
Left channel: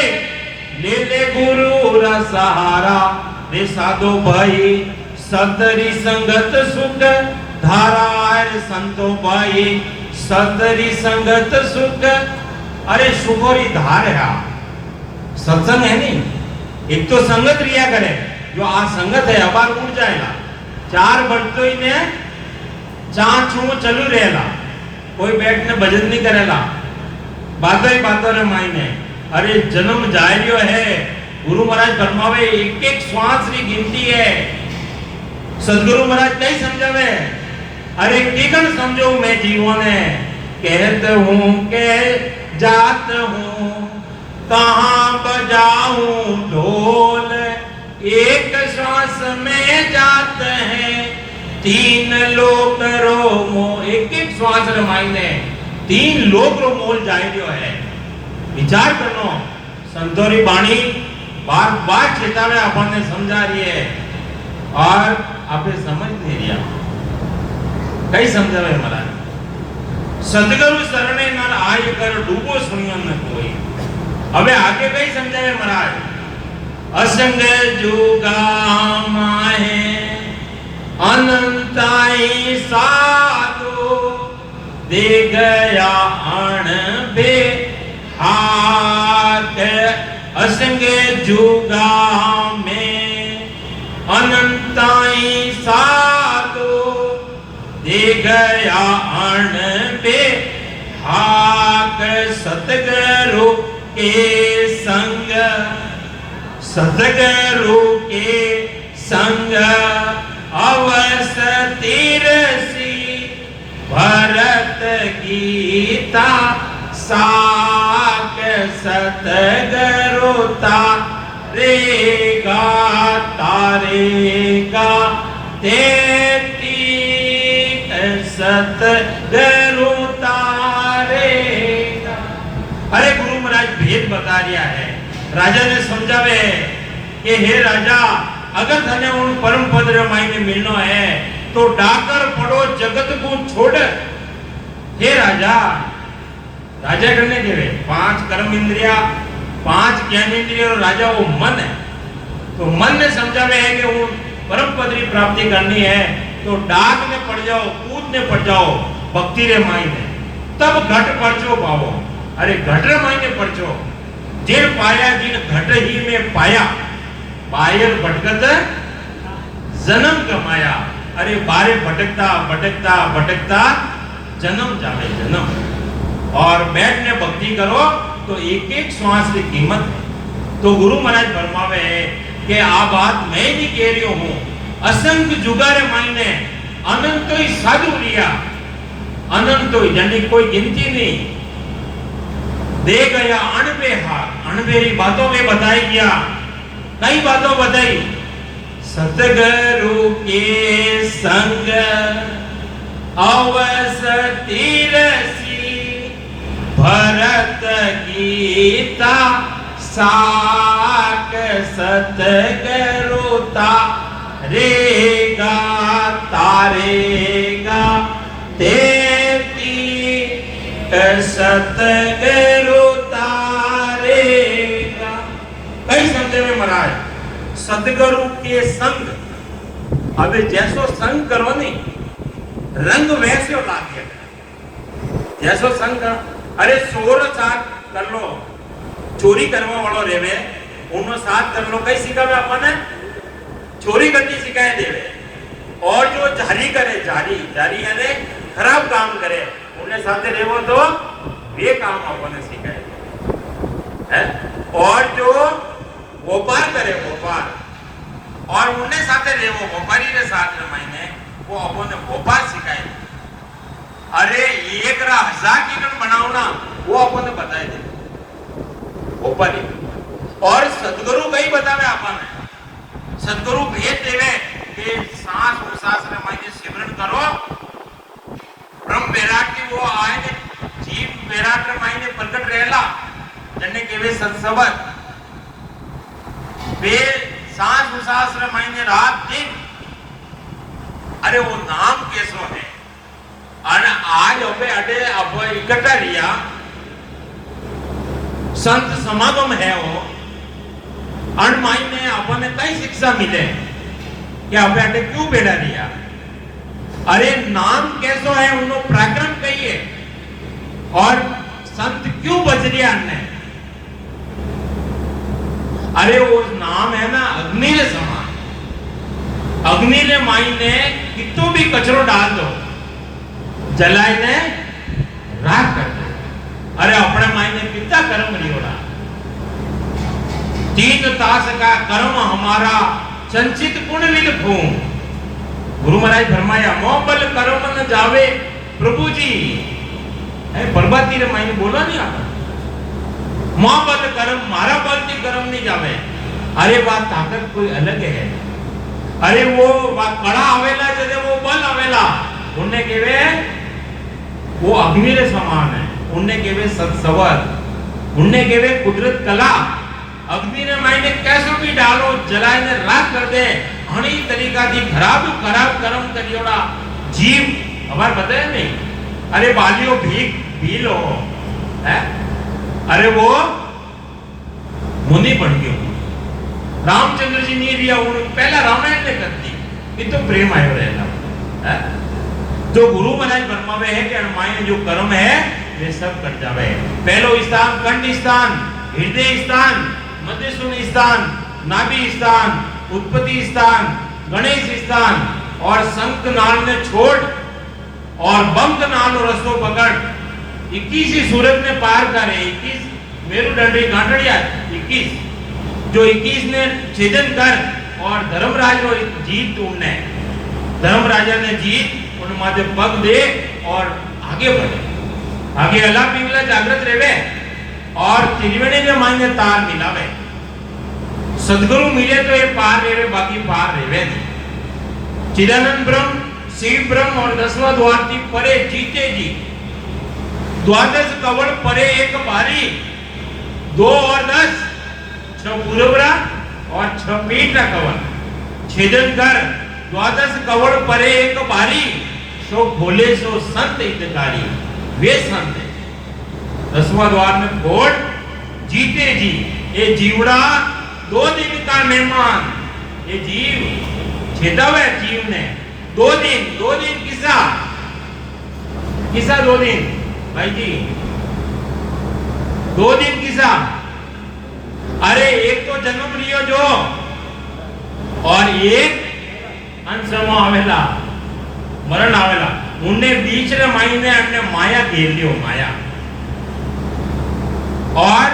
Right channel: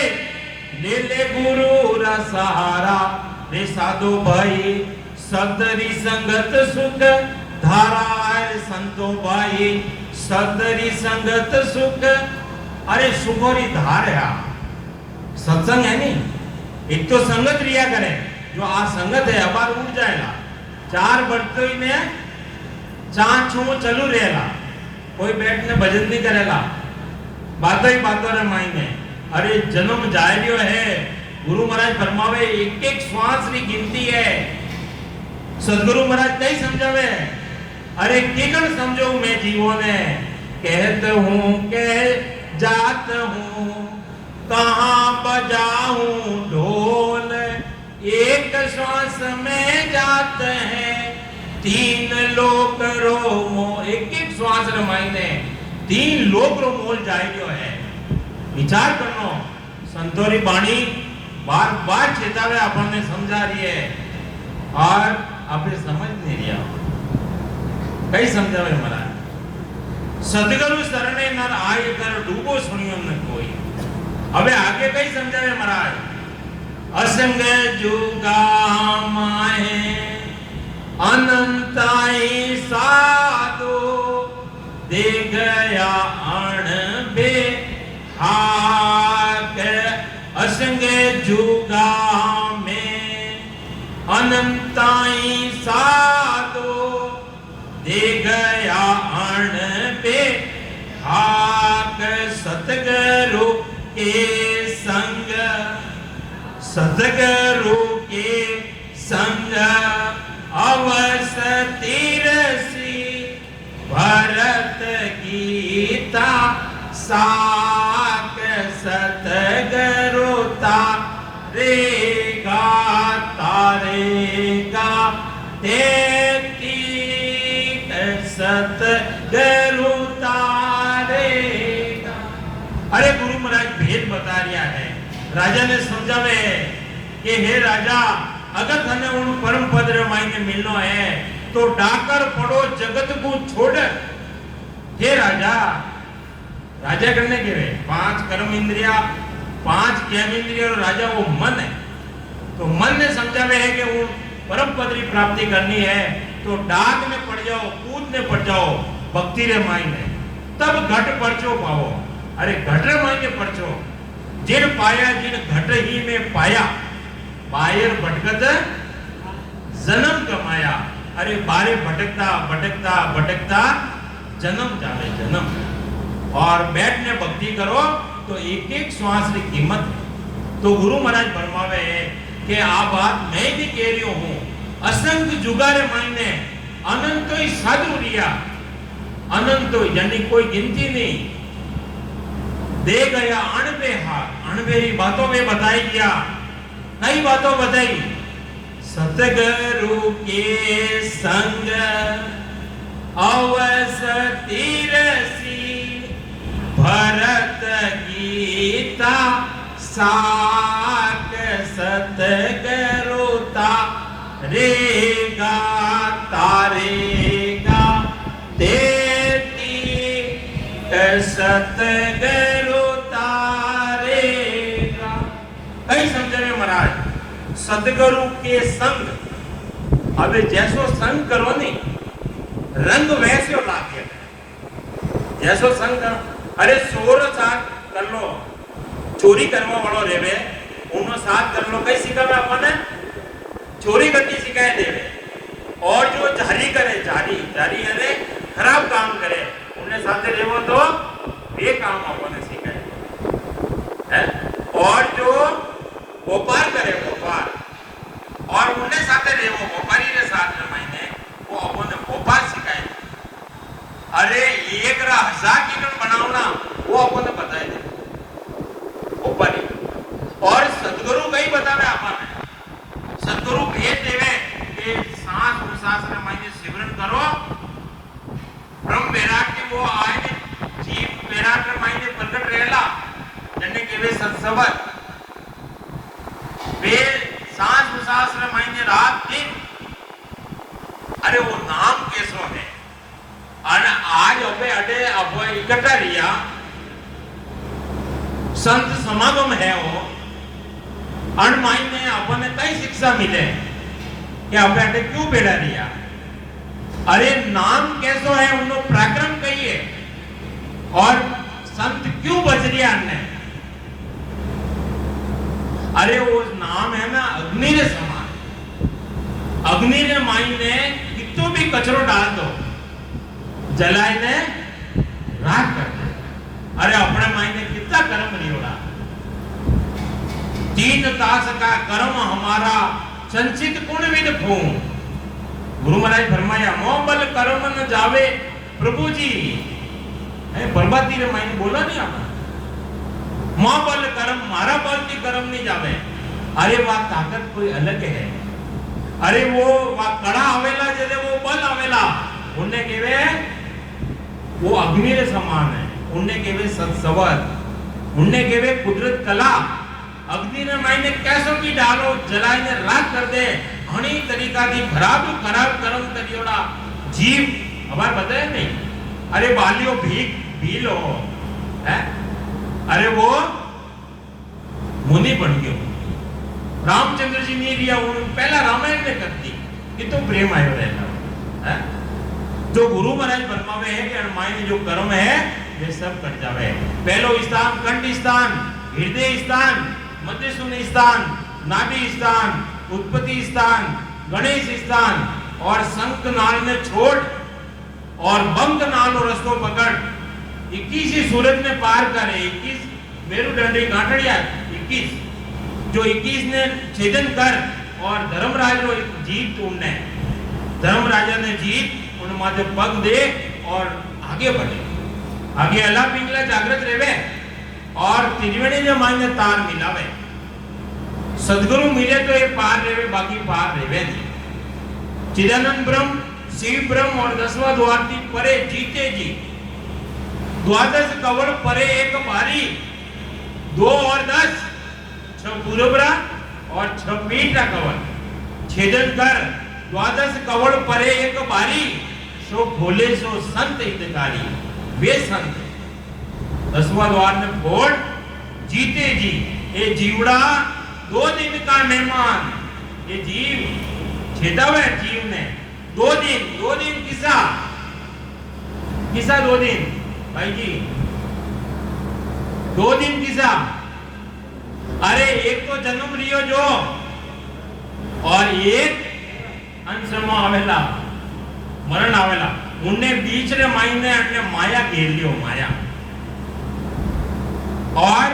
ले ले गुरु रा सहारा रे साधो भाई सतरी संगत सुख धारा संतो भाई सतरी संगत सुख। अरे सुखोरी धार है सत्संग है नहीं। एक तो संगत रिया करे जो आ संगत है अबार उड़ जाएगा। चार बढ़तो ही ने चार छू चलू रहेला, कोई बैठ ने भजन नहीं करेला, बातों ही बातों रे मायने। अरे जन्म जाए रियो है। गुरु महाराज फरमावे एक एक श्वास री गिनती है। सदगुरु महाराज नहीं समझावे अरे केकन समझो मैं जीवों ने कहते हूँ के जात हूँ कहाँ बजाऊं ढोल एक श्वास में जाते हैं तीन लोक रो मोल। एक एक श्वास रे मायने तीन लोक रो मोल जाए रियो है। विचार करनो संतोरी बाणी बार बार चेतावे अपन ने समझा रही है और आपने समझ नहीं रिया। कई समझावे हमारा सदगुरु शरणे नर आय कर डूबो सुनियो न कोई। अबे आगे कई समझावे महाराज असंग जुगा माहे अनंताई साधु दे गया अण बे हाथ। असंग जुगा में अनंताई साधु दे गया अण पे हाक। सतगुरु के संग सतगुरु के संग अवसतिर सी भरत गीता साक। सतगुरु तारेगा तारेगा तेती सतगुरु तारेगा। अरे गुरु महाराज भेद बता रिया है। राजा ने समझावे कि हे राजा अगर तने उन परम पद रे मायने मिलनो है तो डाकर पड़ो जगत को छोड़। हे राजा राजा करने के वे 5 कर्म इंद्रिया 5 ज्ञान इंद्रिया और राजा वो मन है। तो मन ने समझावे है कि वो परम पद की प्राप्ति करनी है तो डाक में पड़ जाओ कूद में पड़ जाओ भक्ति रे मायने तब घट परचो पाओ। अरे घट रे मायने परचो जिन पाया जिन घट ही में पाया बाहर भटकत जन्म कमाया। अरे बारे भटकता भटकता भटकता जन्म जावे जन्म। और बैठने भक्ति करो तो एक एक श्वास की कीमत है। तो गुरु महाराज फरमावे कि आ बात मैं भी कह रही हूँ। असंख्य जुगारे मायने अनंत ही साधु लिया अनंत ही यानी कोई गिनती नहीं दे गया अनबे हाथ। अनबेरी बातों में बताई गया कई बातों बताई। सतगुरु के संग अवसती रसी भरत गीता साक सतगरुता रेगा तारेगा तेती सतगरुता रेगा। कई समझे में महाराज सतगुरु के संग अबे जैसो संग करो नहीं रंग वैसे लागे जैसो संग करो। अरे चोर साथ कर लो चोरी करवा वालों रेवे उन्होंने साथ कर लो कई सिखावे अपन चोरी करनी सिखाए देवे और जो जारी करे जारी जारी अरे खराब काम करे उन्हें साथ रेवो तो ये काम अपन सिखाए है। और जो व्यापार करे व्यापार और उन्हें साथ रेवो व्यापारी के साथ में महीने वो अपन व्यापार सिखाए। अरे 1000 टिकट बनाओ ना वो अपन बताए दे ऊपर और सदगुरु कई बतावे अपन सदगुरु भेज देवे कि सांस प्रश्वास में मायने सिमरन करो ब्रह्म वैराग की वो आए जीव वैराग में मायने प्रकट रहेला जन्ने केवे सत्सवत वे सांस प्रश्वास में मायने रात दिन। अरे वो नाम कैसो है और आज अबे अडे अब इकट्ठा रिया संत समागम है वो अनमाइन ने अपन कई शिक्षा मिले कि आप अडे क्यों बेड़ा रिया। अरे नाम कैसो है उनको प्रकरण कहिए और संत क्यों बच रिया ने। अरे वो नाम है ना अग्नि के समान अग्नि ने मायने कितो भी कचरो डाल दो जलाए ने राख कर दे। अरे अपने मायने कितना कर्म लियोड़ा 3 तास का कर्म हमारा संचित पुण्य खो। गुरु महाराज फरमाया मोबल कर्म न जावे प्रभु जी है प्रभाती रे मायने बोला नहीं आप मोबल कर्म मारा बल की कर्म नहीं जावे। अरे बात ताकत कोई अलग है। अरे वो कड़ा आवेला जदे वो बल आवेला उन्हें केवे वो अग्नि रे समान है उन्हें केवे सत्सवर उन्हें केवे कुदरत कला अग्नि ने मायने कैसो भी डालो जलाए ने राख कर दे घणी तरीका थी खराब कर्म करियोड़ा जीव हमार बताए नहीं। अरे बालियो भीख भी लो है। अरे वो मुनि बन गयो रामचंद्र जी ने दिया उन पहला रामायण ने कर दी ये तो प्रेम आयो रहेगा है। जो गुरु महाराज फरमावे है कि मायने जो कर्म है वे सब कर जावे। पहलो स्थान कंठ स्थान हृदय स्थान मध्यस्थूल स्थान नाभि स्थान उत्पत्ति स्थान गणेश स्थान और शंख नाल ने छोड़ और बंक नाल रस्तो पकड़ 21 ही सूरत में पार करे 21 मेरुदंडी गांठड़िया 21 जो 21 ने छेदन कर और धर्मराज को जीत तुमने धर्मराजा ने जीत उन माथे पग दे और आगे बढ़े आगे अल्लाह पिंगला जागृत रहे और त्रिवेणी में मायने तार मिलावे। सदगुरु मिले तो ये पार रहे बाकी पार रहे नहीं। चिदानंद ब्रह्म शिव ब्रह्म और 10वां द्वार थी परे जीते जी द्वादश कवड़ परे एक भारी 2 और 10 6 पूर्वरा और 6 मीट का कवड़ छेदन कर द्वादश कवड़ परे एक भारी सो भोले सो संत हितकारी वे संत है। 10वां द्वार में घोड़ जीते जी ये जीवड़ा 2 दिन का मेहमान ये जीव छेदा हुआ जीव ने 2 दिन किसा 2 दिन भाई जी 2 दिन किसा। अरे एक तो जन्म लियो जो और एक अंशमा आवेला मरण आवेला उन्हें बीच रे मायने अपने माया घेर लियो माया और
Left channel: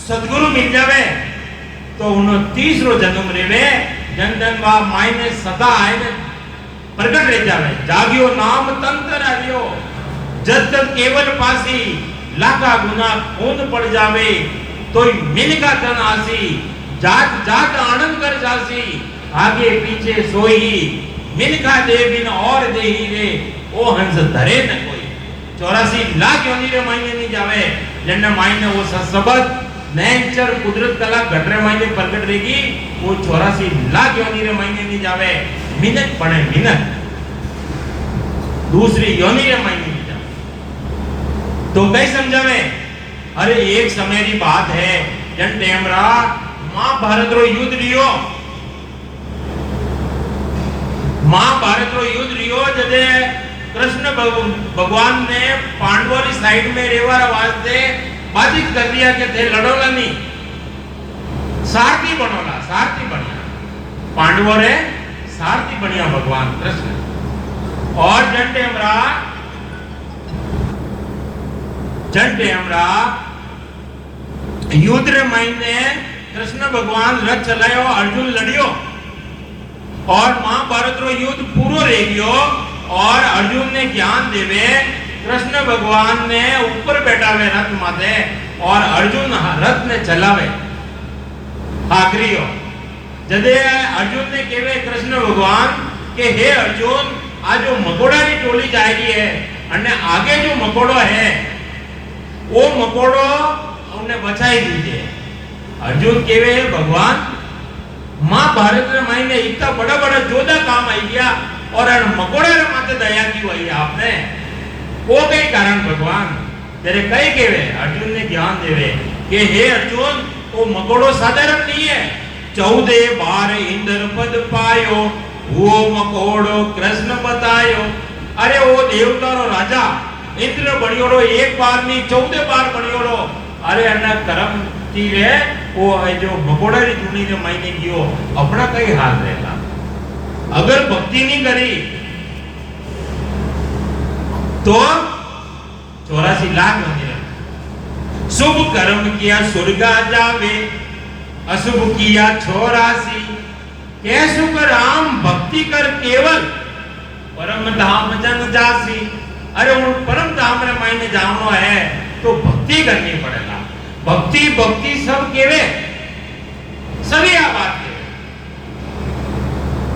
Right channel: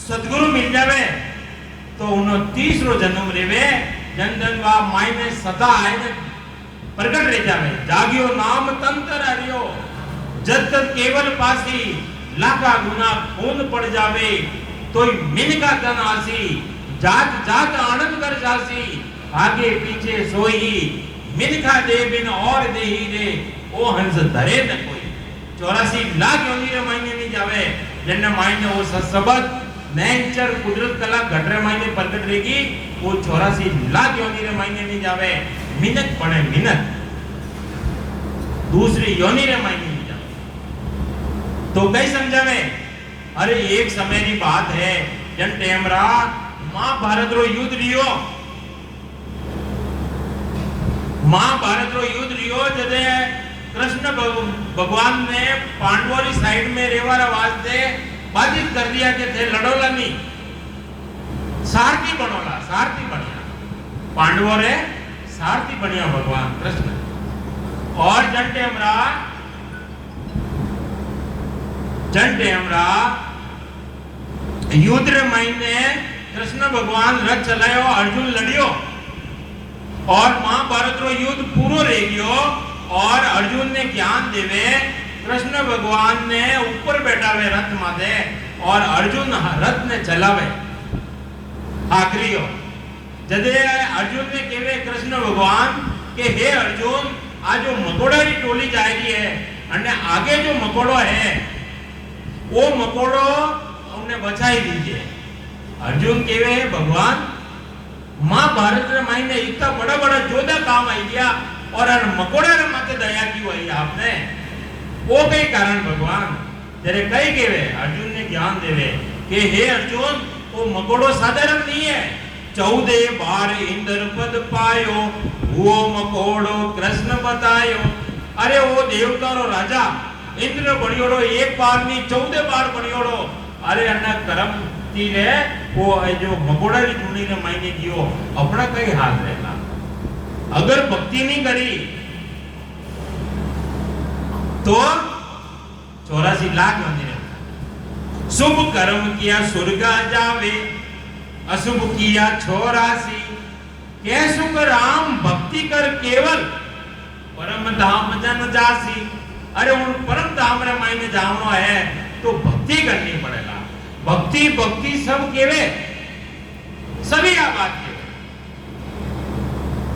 सदगुरु मिल जावे तो उन्हें 30रो जन्म रेवे जन जन वा मायने सदा आए प्रकट रह जावे जागियो नाम तंत्र आवियो जब तक केवल पासी लाखा गुना खून पड़ जावे तो मिल का धन आसी जात जात आनंद कर जासी आगे पीछे सोई मिल का दे बिन और दे ही रे ओ हंस धरे न कोई 84 लाख योनि रे मायने नहीं जावे जन्ने मायने वो सबद नेचर कुदरत कला घटरे मायने प्रकट रहेगी वो 84 लाख योनि रे मायने नहीं जावे मिनट पड़े मिनट दूसरी योनि रे मायने नहीं जावे तो कई समझावे अरे एक समय की बात है जन टेमरा महाभारत रो युद्ध लियो महाभारत रो युद्ध लियो जदे कृष्ण भगवान ने पांडवों की साइड में रेवारा वास्ते बाधित कर दिया कि थे लड़ोला नहीं सारथी बनिया पांडवों रे सारथी बनिया भगवान कृष्ण और जन टेमरा युद्ध रे मायने कृष्ण भगवान रथ चलायो अर्जुन लड़ियो और महाभारत रो युद्ध पूरो रह गयो और अर्जुन ने ज्ञान देवे कृष्ण भगवान ने ऊपर बैठावे रथ माथे और अर्जुन रथ ने चलावे आखिरियो जदे अर्जुन ने केवे कृष्ण भगवान के हे अर्जुन आज जो मकोड़ा की टोली जा रही है અને आगे जो मकोड़ो है वो मकोड़ो हमने बचाई दीजिए अर्जुन केवे भगवान महाभारत में मायने इतना बड़ा बड़ा जोधा काम आई गया और मकोड़ा रे माथे दया की हुई आपने वो कई कारण भगवान तेरे कई केवे अर्जुन ने ज्ञान देवे कि हे अर्जुन वो मकोड़ो साधारण नहीं है 14 बार इंद्र पद पायो वो मकोड़ो कृष्ण बतायो अरे वो देवता रो राजा इंद्र बनियोरो एक बार नहीं 14 बार बनियोरो अरे अन्ना कर्म तीरे वो जो मकोड़ा री चुनी ने मायने कियो अपना कई हाल रहेगा अगर भक्ति नहीं करी तो 84 लाख मंदिर शुभ कर्म किया स्वर्ग जावे अशुभ किया 84 कैसु राम भक्ति कर केवल परम धाम जन जासी अरे वो परम धाम रे मायने जावनो है तो भक्ति करनी पड़ेगा भक्ति भक्ति सब केवे सभी आ बात केवे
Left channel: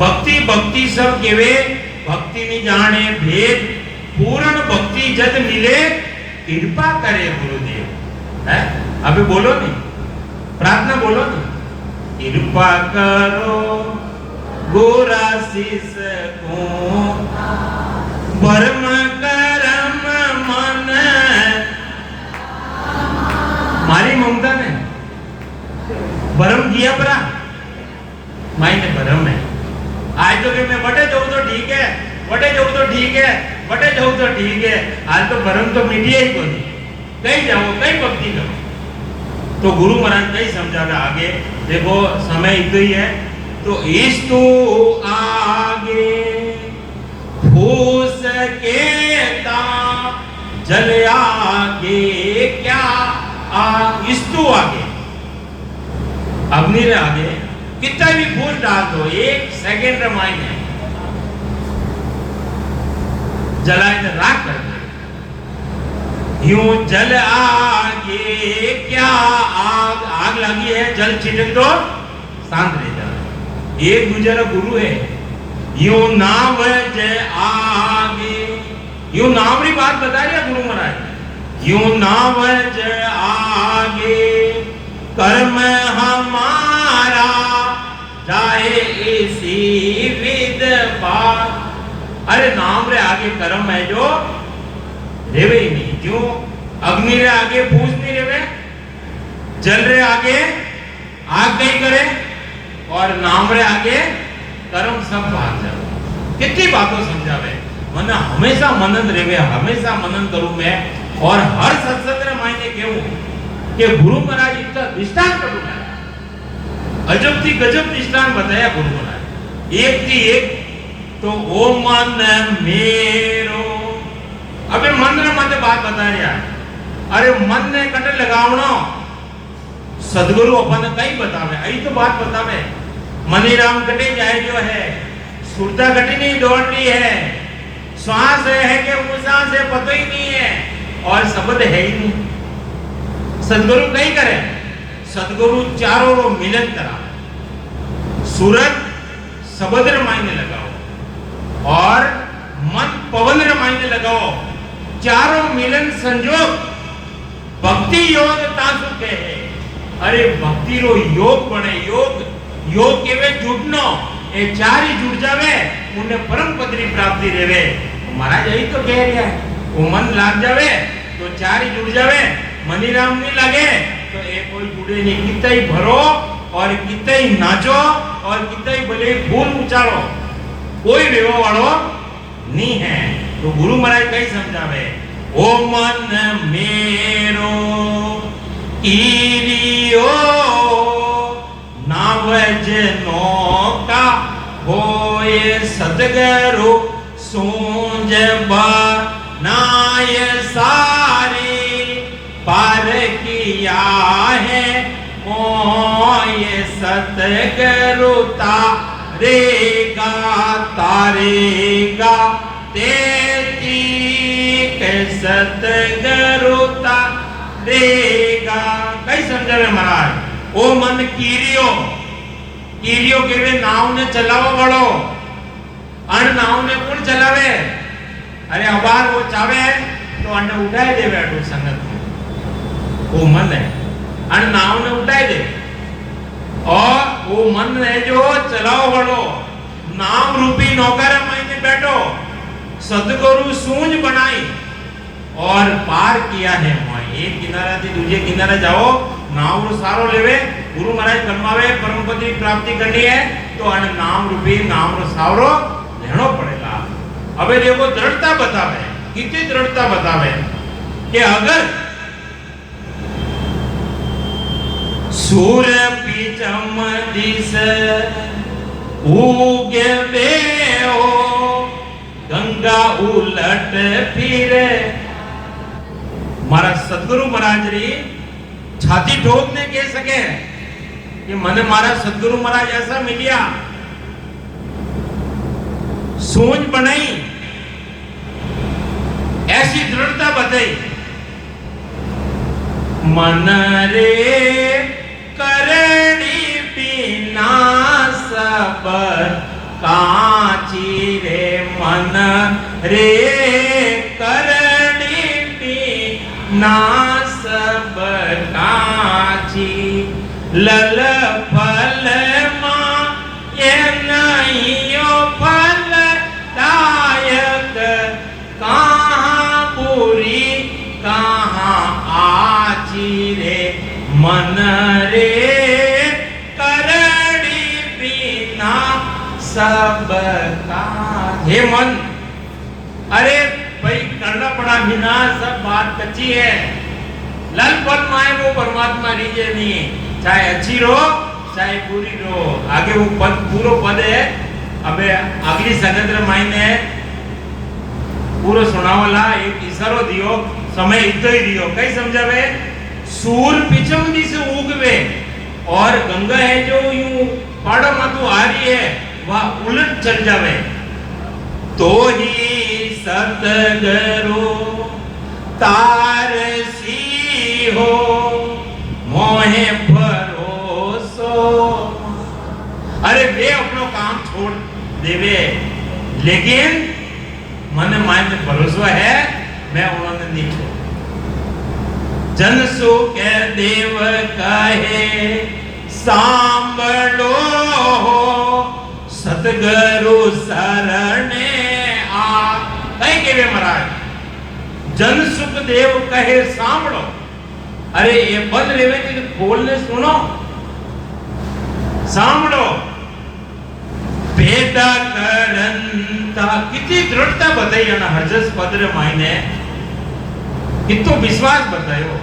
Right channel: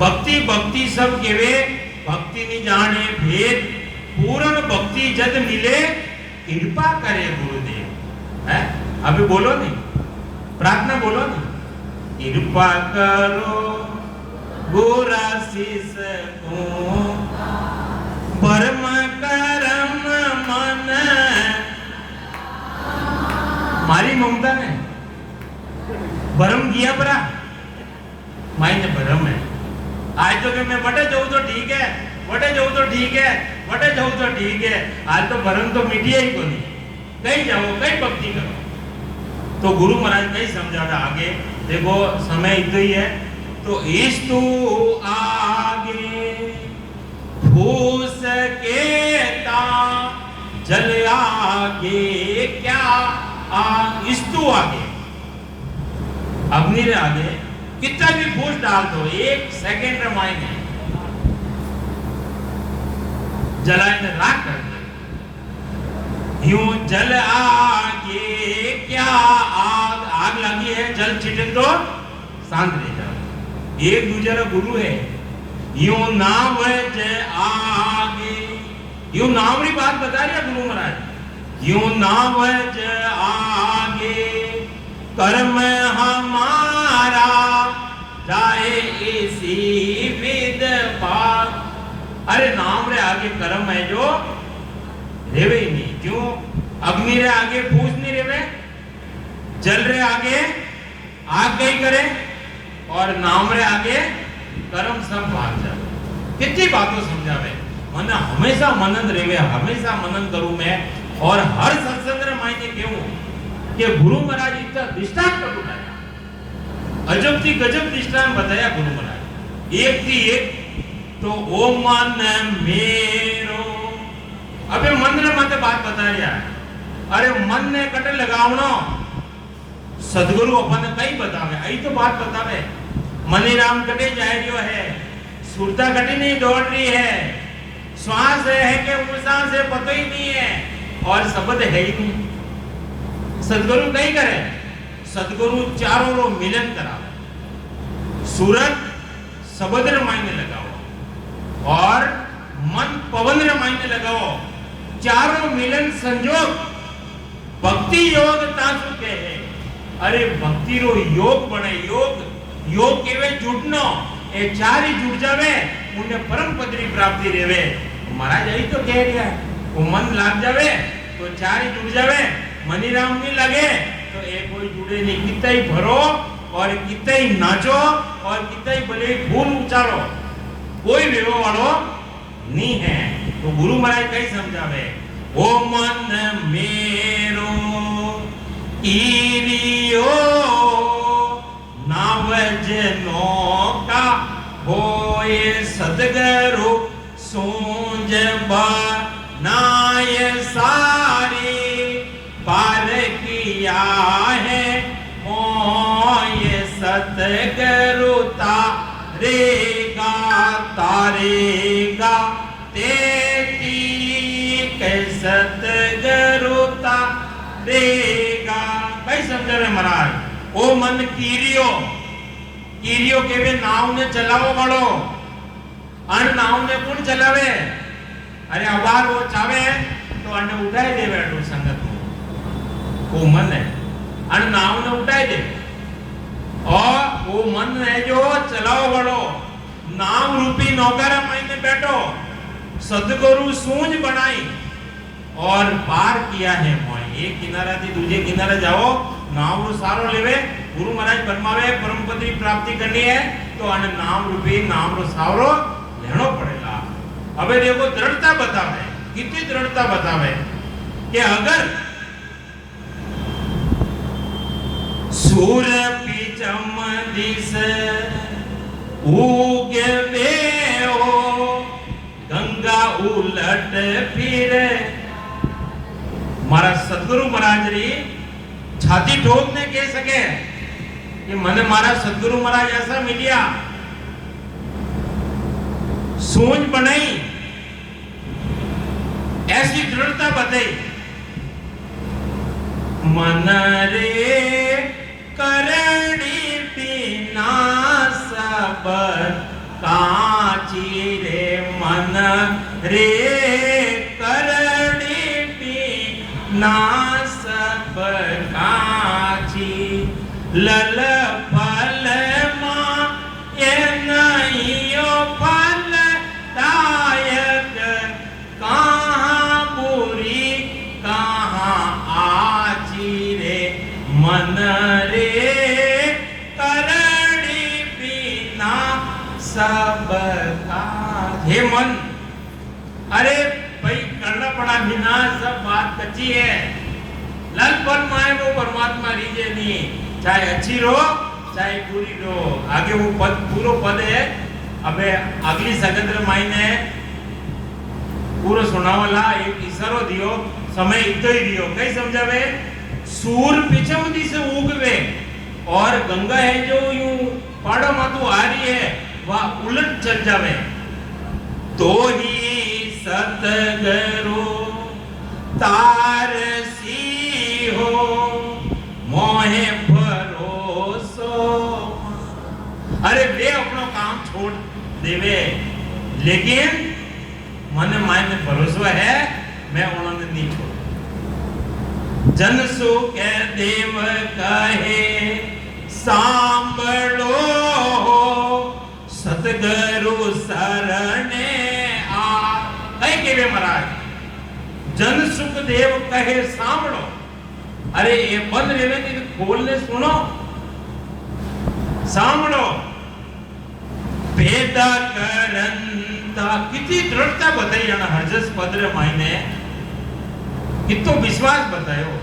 भक्ति भक्ति सब केवे भक्ति नहीं जाने भेद पूर्ण भक्ति जद मिले कृपा करे गुरुदेव है अभी बोलो नहीं प्रार्थना बोलो नहीं कृपा करो गुराशीष को परम करम मन मारी ममता ने भरम किया परा मायने भरम है आज तो भी मैं बटे जाऊं तो ठीक है बटे जाऊं तो ठीक है बटे जाऊं तो ठीक है आज तो भरम तो मिटिया ही तो नहीं कहीं जाओ कहीं भक्ति करो तो गुरु महाराज कहीं समझाता आगे देखो समय इतना ही है तो इस तो आगे फूस के जल आगे क्या इस तो आगे अग्नि रे आगे कितना भी फूस डाल दो 1 सेकंड रमायने जलाने राख कर दे यूं जल आगे क्या आग लगी है जल छिड़क दो शांत रह जाओ एक दूसरा गुरु है यूं नाम जय आगे यूं नाम की बात बता रहे गुरु महाराज यूं नाम जय आगे कर्म हमारा जाए इसी विद पार अरे नाम रे आगे कर्म है जो रेवे नहीं क्यों अग्नि रे आगे फूस नहीं रेवे जल रे आगे आग नहीं करे और नाम रे आगे कर्म सब भाग जाए कितनी बातों समझावे मने हमेशा मनन रेवे हमेशा मनन करूं मैं और हर सत्संग रे मायने केवू कि गुरु महाराज इतना दृष्टांत करूं अजब थी गजब दृष्टांत बताया गुरु महाराज एक थी एक तो ओ मन मेरो अबे मन रे माते बात बता रहा अरे मन ने कटे लगावनो सदगुरु अपन कई बतावे आई तो बात बतावे मनीराम कटे जाए जो है सुरता कटी नहीं दौड़ रही है श्वास है कि उसास है पता ही नहीं है और शब्द है ही नहीं सदगुरु कई करे सदगुरु चारों रो मिलन करा सूरत शब्द रे मायने लगाओ और मन पवन रे मायने लगाओ चारों मिलन संजोग भक्ति योग तासु के है अरे भक्ति रो योग बने योग केवे जुड़नो ए चार ही जुड़ जावे उन्हें परम पदरी प्राप्ति रेवे महाराज यही तो कह रहा है वो मन लाग जावे तो चार ही जुड़ जावे मनीराम नहीं लगे तो एक कोई जुड़े नहीं कितना ही भरो और कितना ही नाचो और कितना ही भले फूल उचारो कोई वेवा वालो नहीं है तो गुरु महाराज कई समझावे ओ मन मेरो ईरियो नावजनो का होए सदगरु सूंज बनाय सारे पार किया है मोय सतगरु तारेगा तेती के सतगरु तारेगा कई समझावे महाराज ओ मन कीरियो केवे नाव ने चलावो वालो अन नाव ने कौन चलावे अरे अबार वो चावे तो अने उठाई दे बैठो संगत वो मन है अन नाव ने उठाई दे और वो मन है जो चलाओ वालो नाव रूपी नौकर मायने बैठो सदगुरु सूंझ बनाई और पार किया है एक किनारा थी दूसरे किनारे जाओ नाव रो सारो लेवे गुरु महाराज बनवावे परम पद की प्राप्ति करनी है तो अन नाम रूपी नाम रो सारो लेनो पड़ेगा अबे देखो दृढ़ता बतावे कितनी दृढ़ता बतावे कि अगर सूर पिचम दिस उगे हो गंगा उलट फिरे मारा सदगुरु महाराज री छाती ठोक ने कह सके कि मने मारा सदगुरु महाराज ऐसा मिलिया सोच बनाई ऐसी दृढ़ता बताई मन रे करणी बिना सब काची रे मन रे करणी बिना सब काची लल फल मां ये नहीं यो फल दायक कहाँ बुरी कहाँ आची रे मन रे करणी बिना सब का हे मन अरे भाई करना पड़ा बिना सब बात कच्ची है लल पल माए वो परमात्मा रीजे नहीं चाहे अच्छी रो चाहे पूरी रो आगे वो पद पूरो पद है अबे अगली सगंद्र मायने पूरो सुनावला एक इशारो दियो समय इतो ही दियो कई समझावे सूर पिछम दी से उगवे और गंगा है जो यूं पाड़ो मातू आ रही है वह उलट चल जावे तो ही सतगुरु तारसी हो मोहे भरोसो अरे वे अपनो काम छोड़ देवे लेकिन मन मान भरोसा है मैं उन्होंने नहीं छोड़ जन सो के देव कहे सांभलो सतगुरु शरणे आ कई केवे महाराज जन सुख देव कहे सांभलो अरे ये पद रेवे कि बोलने सुनो सांभलो भेद करंता कितनी दृढ़ता बताई जाना हजस पद रे मायने कितो विश्वास बतायो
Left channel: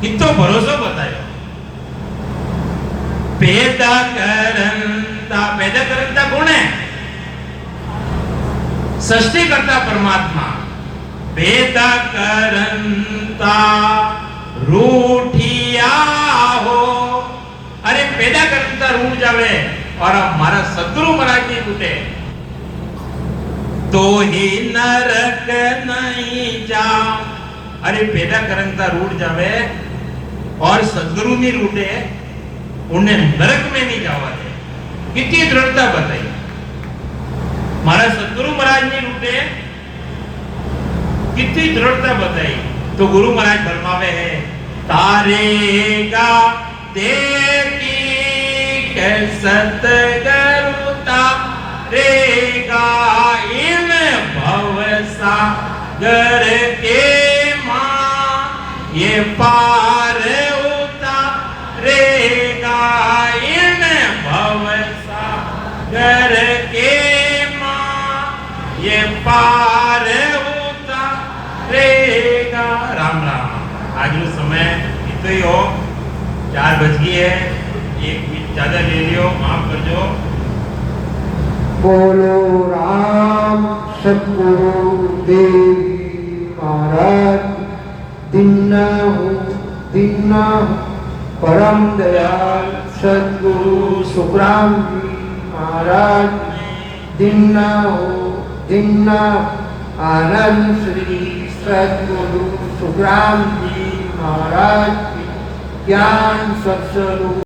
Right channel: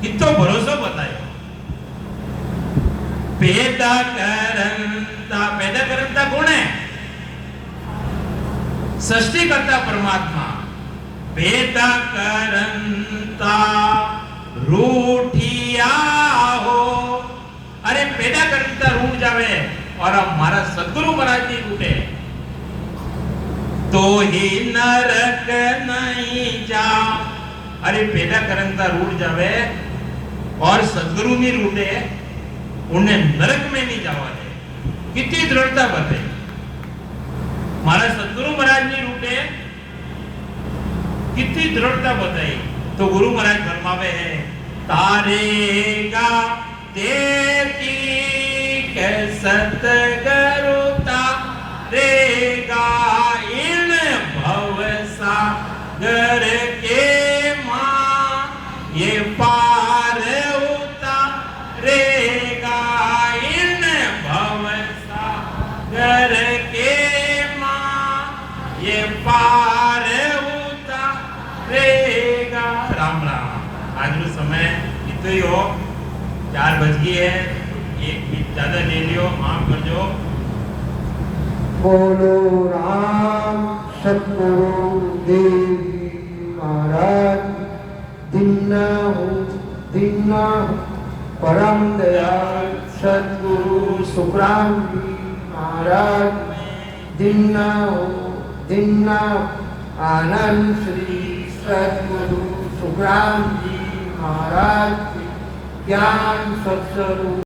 कितो भरोसा बतायो पैदा करता कौन है सृष्टि करता परमात्मा पैदा करता रूठिया हो अरे पैदा करता रूठ जावे और हमारा सदगुरु महाराज नहीं टूटे तो ही नरक नहीं जा अरे पैदा करता रूठ जावे और सदगुरु नहीं रूठे उन्हें नरक में नहीं जावा दे कितनी दृढ़ता बताई हमारा सदगुरु महाराज नहीं रूठे कितनी दृढ़ता बताई। तो गुरु महाराज फरमावे है तारेगा देखी के सतगुरु तारेगा इन भवसा गर के मां ये पार उतारेगा इन भवसा गर के मां ये पार उतारेगा। राम राम। आज नो समय इतो ही हो, 4 बज गई है, एक मिनट ज्यादा ले लियो, माफ कर दो। बोलो राम सतगुरु देव महाराज दीना परम दयाल सतगुरु सुखराम जी महाराज दीना आनंद श्री सतगुरु सुखराम जी महाराज ज्ञान सत्स्वरूप